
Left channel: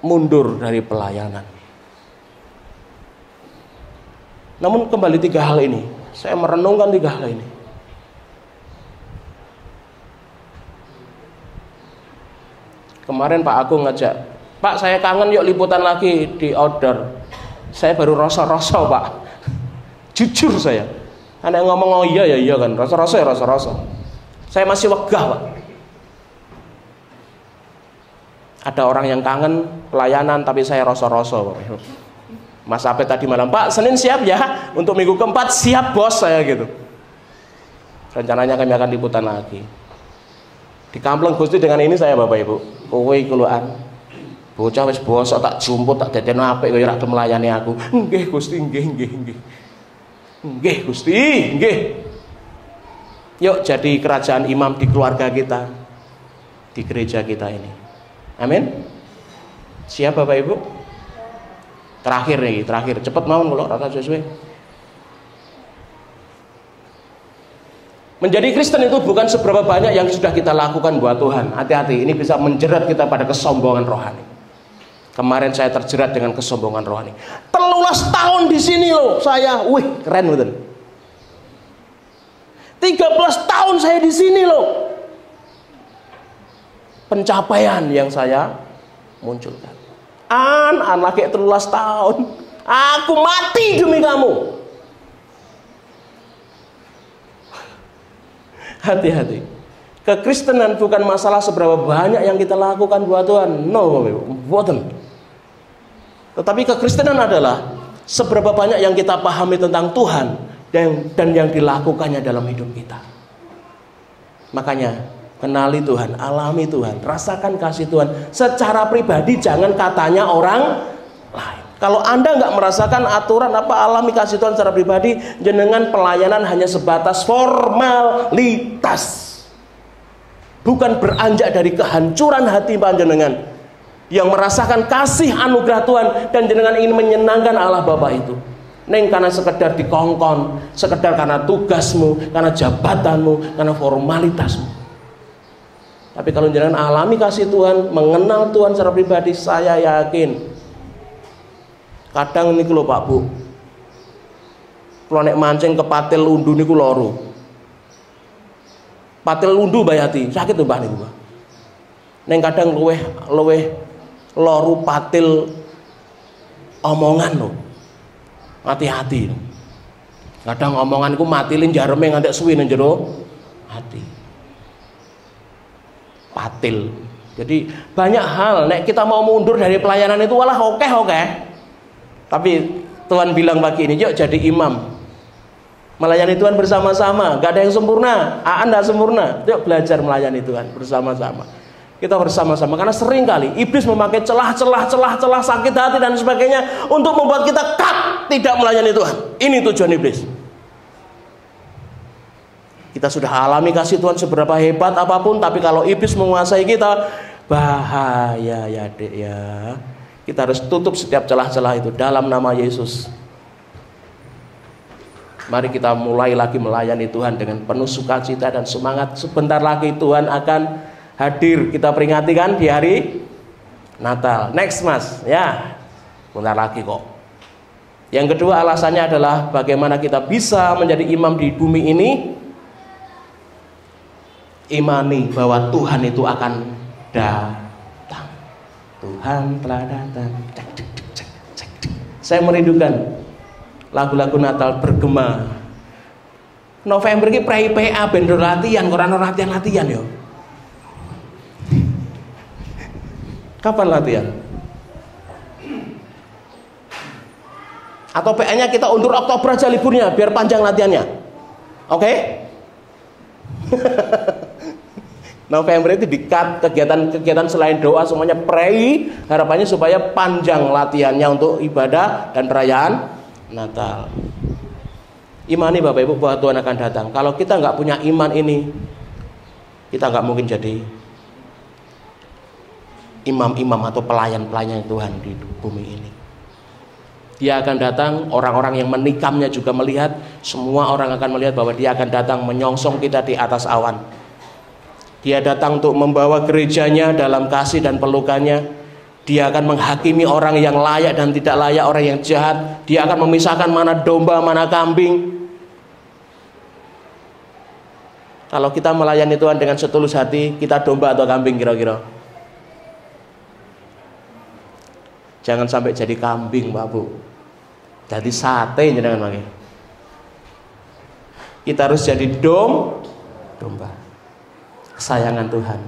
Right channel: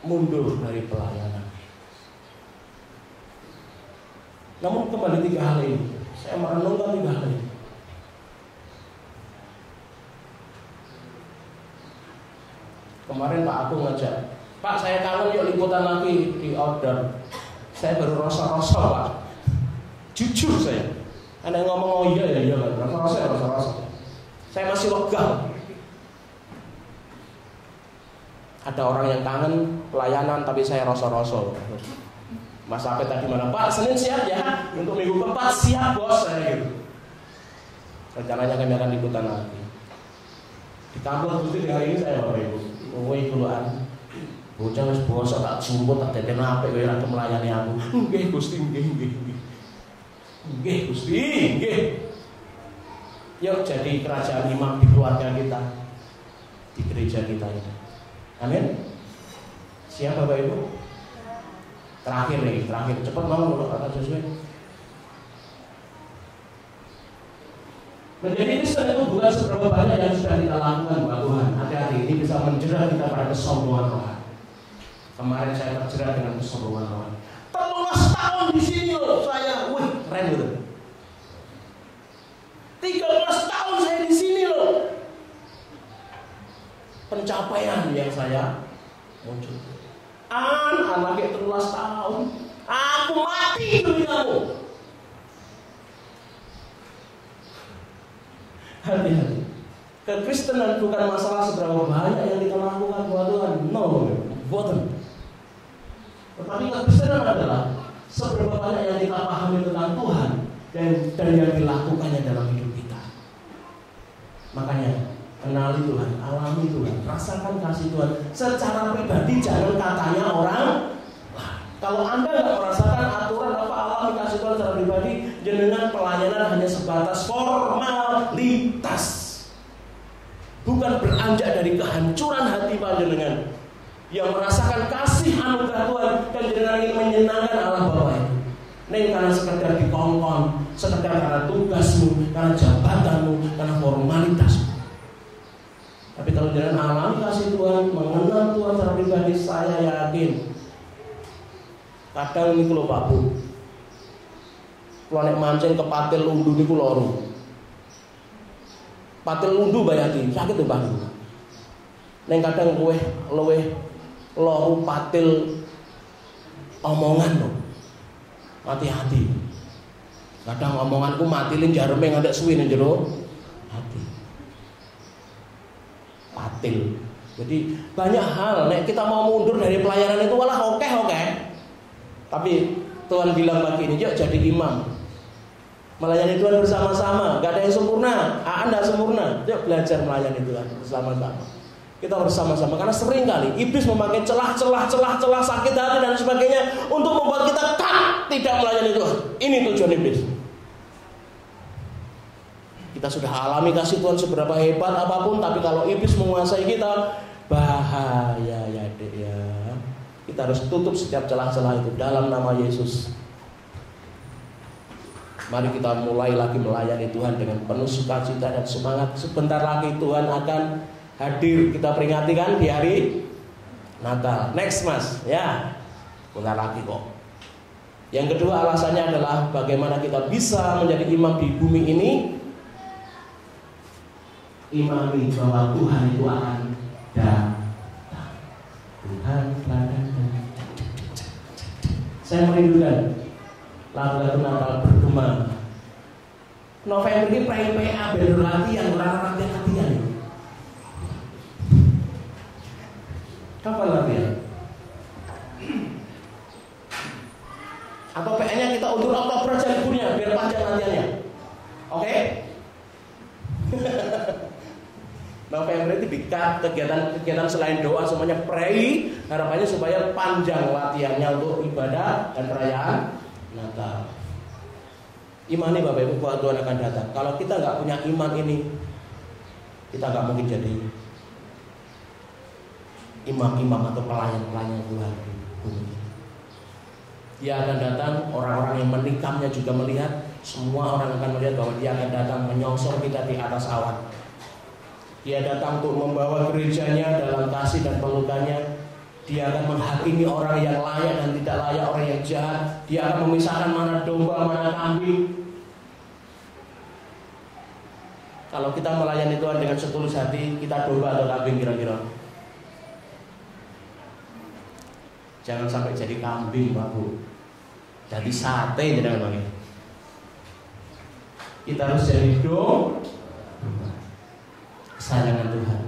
mundur dari pelayanan. Namun kembali 3 hal ini, saya merenungkan 3 hal ini. Kemarin Pak Agung ngajak, Pak saya kangen yuk liputan lagi di outdoor. Saya baru rasa-rasa Pak. Jujur saya. Ada yang ngomong oh iya ya iya kan, rasa-rasa ya rasa-rasa. Saya masih wegah Pak. Ada orang yang kangen pelayanan tapi saya rasa-rasa Pak. Mas Apet tadi malam, Pak Senin siap ya? Untuk minggu keempat siap bos saya gitu. Rencananya kami akan liputan lagi. Di Kampleng Gusti dengan ini saya Bapak Ibu. Kowe keluar. Bocah wis bosok tak jumput tak dadekno apik kaya ora melayani aku. Nggih Gusti, nggih. Nggih Gusti, nggih. Yuk jadi kerajaan imam di keluarga kita, di gereja kita ini. Amin. Siap Bapak Ibu? Terakhir nih, terakhir. Cepet mau kalau rata sesuai. Menjadi Kristen itu bukan seberapa banyak yang sudah kita lakukan buat Tuhan. Hati-hati, ini bisa menjerat kita pada kesombongan rohani. Kemarin saya terjerat dengan kesombongan rohani. 13 tahun di sini loh saya, wih keren betul. 13 tahun saya di sini loh. Pencapaian yang saya munculkan. Anak kayak 13 tahun. Aku mati demi kamu. Hati-hati. Kekristenan bukan masalah seberapa banyak yang kita lakukan buat Tuhan. No, bukan. Tetapi kekristenan adalah seberapa banyak yang kita pahami tentang Tuhan dan yang dilakukannya dalam hidup kita. Makanya kenali Tuhan, alami Tuhan, rasakan kasih Tuhan secara pribadi, jangan katanya orang lain. Kalau Anda nggak merasakan aturan apa alami kasih Tuhan secara pribadi, jenengan pelayanan hanya sebatas formalitas. Bukan beranjak dari kehancuran hati panjenengan yang merasakan kasih anugerah Tuhan dan jenengan ingin menyenangkan Allah Bapa itu. Neng karena sekedar dikongkon, sekedar karena tugasmu, karena jabatanmu, karena formalitasmu. Tapi kalau jenengan alami kasih Tuhan, mengenal Tuhan secara pribadi, saya yakin. Kadang niku lho Pak Bu. Kalau nek mancing ke patil undu niku loro. Patil undu bayati, sakit tuh Pak niku. Neng kadang luweh loru patil omongan lho. Hati-hati. Kadang omonganku matilin jareme ngantek suwi nang jero hati. Patil. Jadi banyak hal nek kita mau mundur dari pelayanan itu walah oke. Tapi Tuhan bilang pagi ini, yuk jadi imam. Melayani Tuhan bersama-sama, gak ada yang sempurna. Anda sempurna. Yuk belajar melayani Tuhan bersama-sama. Kita bersama-sama, karena sering kali iblis memakai celah sakit hati dan sebagainya untuk membuat kita tidak melayani Tuhan. Ini tujuan iblis. Kita sudah alami kasih Tuhan seberapa hebat apapun, tapi kalau iblis menguasai kita, bahaya ya Dek ya. Kita harus tutup setiap celah-celah itu dalam nama Yesus. Mari kita mulai lagi melayani Tuhan dengan penuh sukacita dan semangat. Sebentar lagi Tuhan akan hadir. Kita peringati kan di hari Natal. Next Mas, ya. Bentar lagi kok. Yang kedua alasannya adalah bagaimana kita bisa menjadi imam di bumi ini. Imani bahwa Tuhan itu akan datang. Tuhan telah datang. Saya merindukan lagu-lagu Natal bergema. November ini prei PA ben latihan, ora latihan yo. Kapan latihan? Atau PA-nya kita undur Oktober aja liburnya biar panjang latihannya. Oke? November itu di-cut kegiatan selain doa semuanya prei, harapannya supaya panjang latihannya untuk ibadah dan perayaan Natal. Imani Bapak Ibu bahwa Tuhan akan datang. Kalau kita nggak punya iman ini, kita nggak mungkin jadi imam-imam atau pelayan-pelayan Tuhan di bumi ini. Dia akan datang, orang-orang yang menikamnya juga melihat, semua orang akan melihat bahwa dia akan datang menyongsong kita di atas awan. Dia datang untuk membawa gerejanya dalam kasih dan pelukannya. Dia akan menghakimi orang yang layak dan tidak layak, orang yang jahat. Dia akan memisahkan mana domba, mana kambing. Kalau kita melayani Tuhan dengan setulus hati, kita domba atau kambing kira-kira? Jangan sampai jadi kambing, Pak Bu. Jadi sate jangan lagi. Kita harus jadi domba. Kesayangan Tuhan.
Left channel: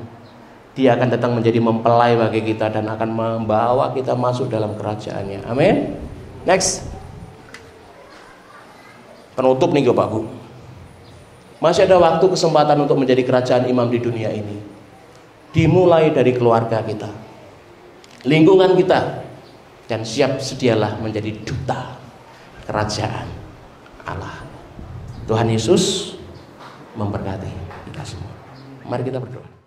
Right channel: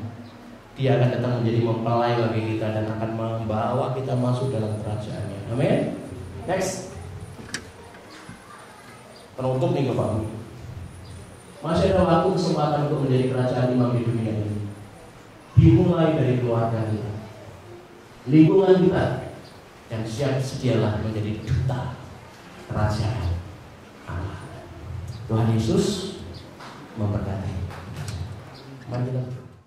Dia akan datang menjadi mempelai bagi kita dan akan membawa kita masuk dalam kerajaannya. Amin. Next. Penutup nih Bapak Bu. Masih ada waktu kesempatan untuk menjadi kerajaan imam di dunia ini. Dimulai dari keluarga kita. lingkungan kita, dan siap sedialah menjadi duta kerajaan Allah. Tuhan Yesus memberkati kita semua. Mari kita berdoa.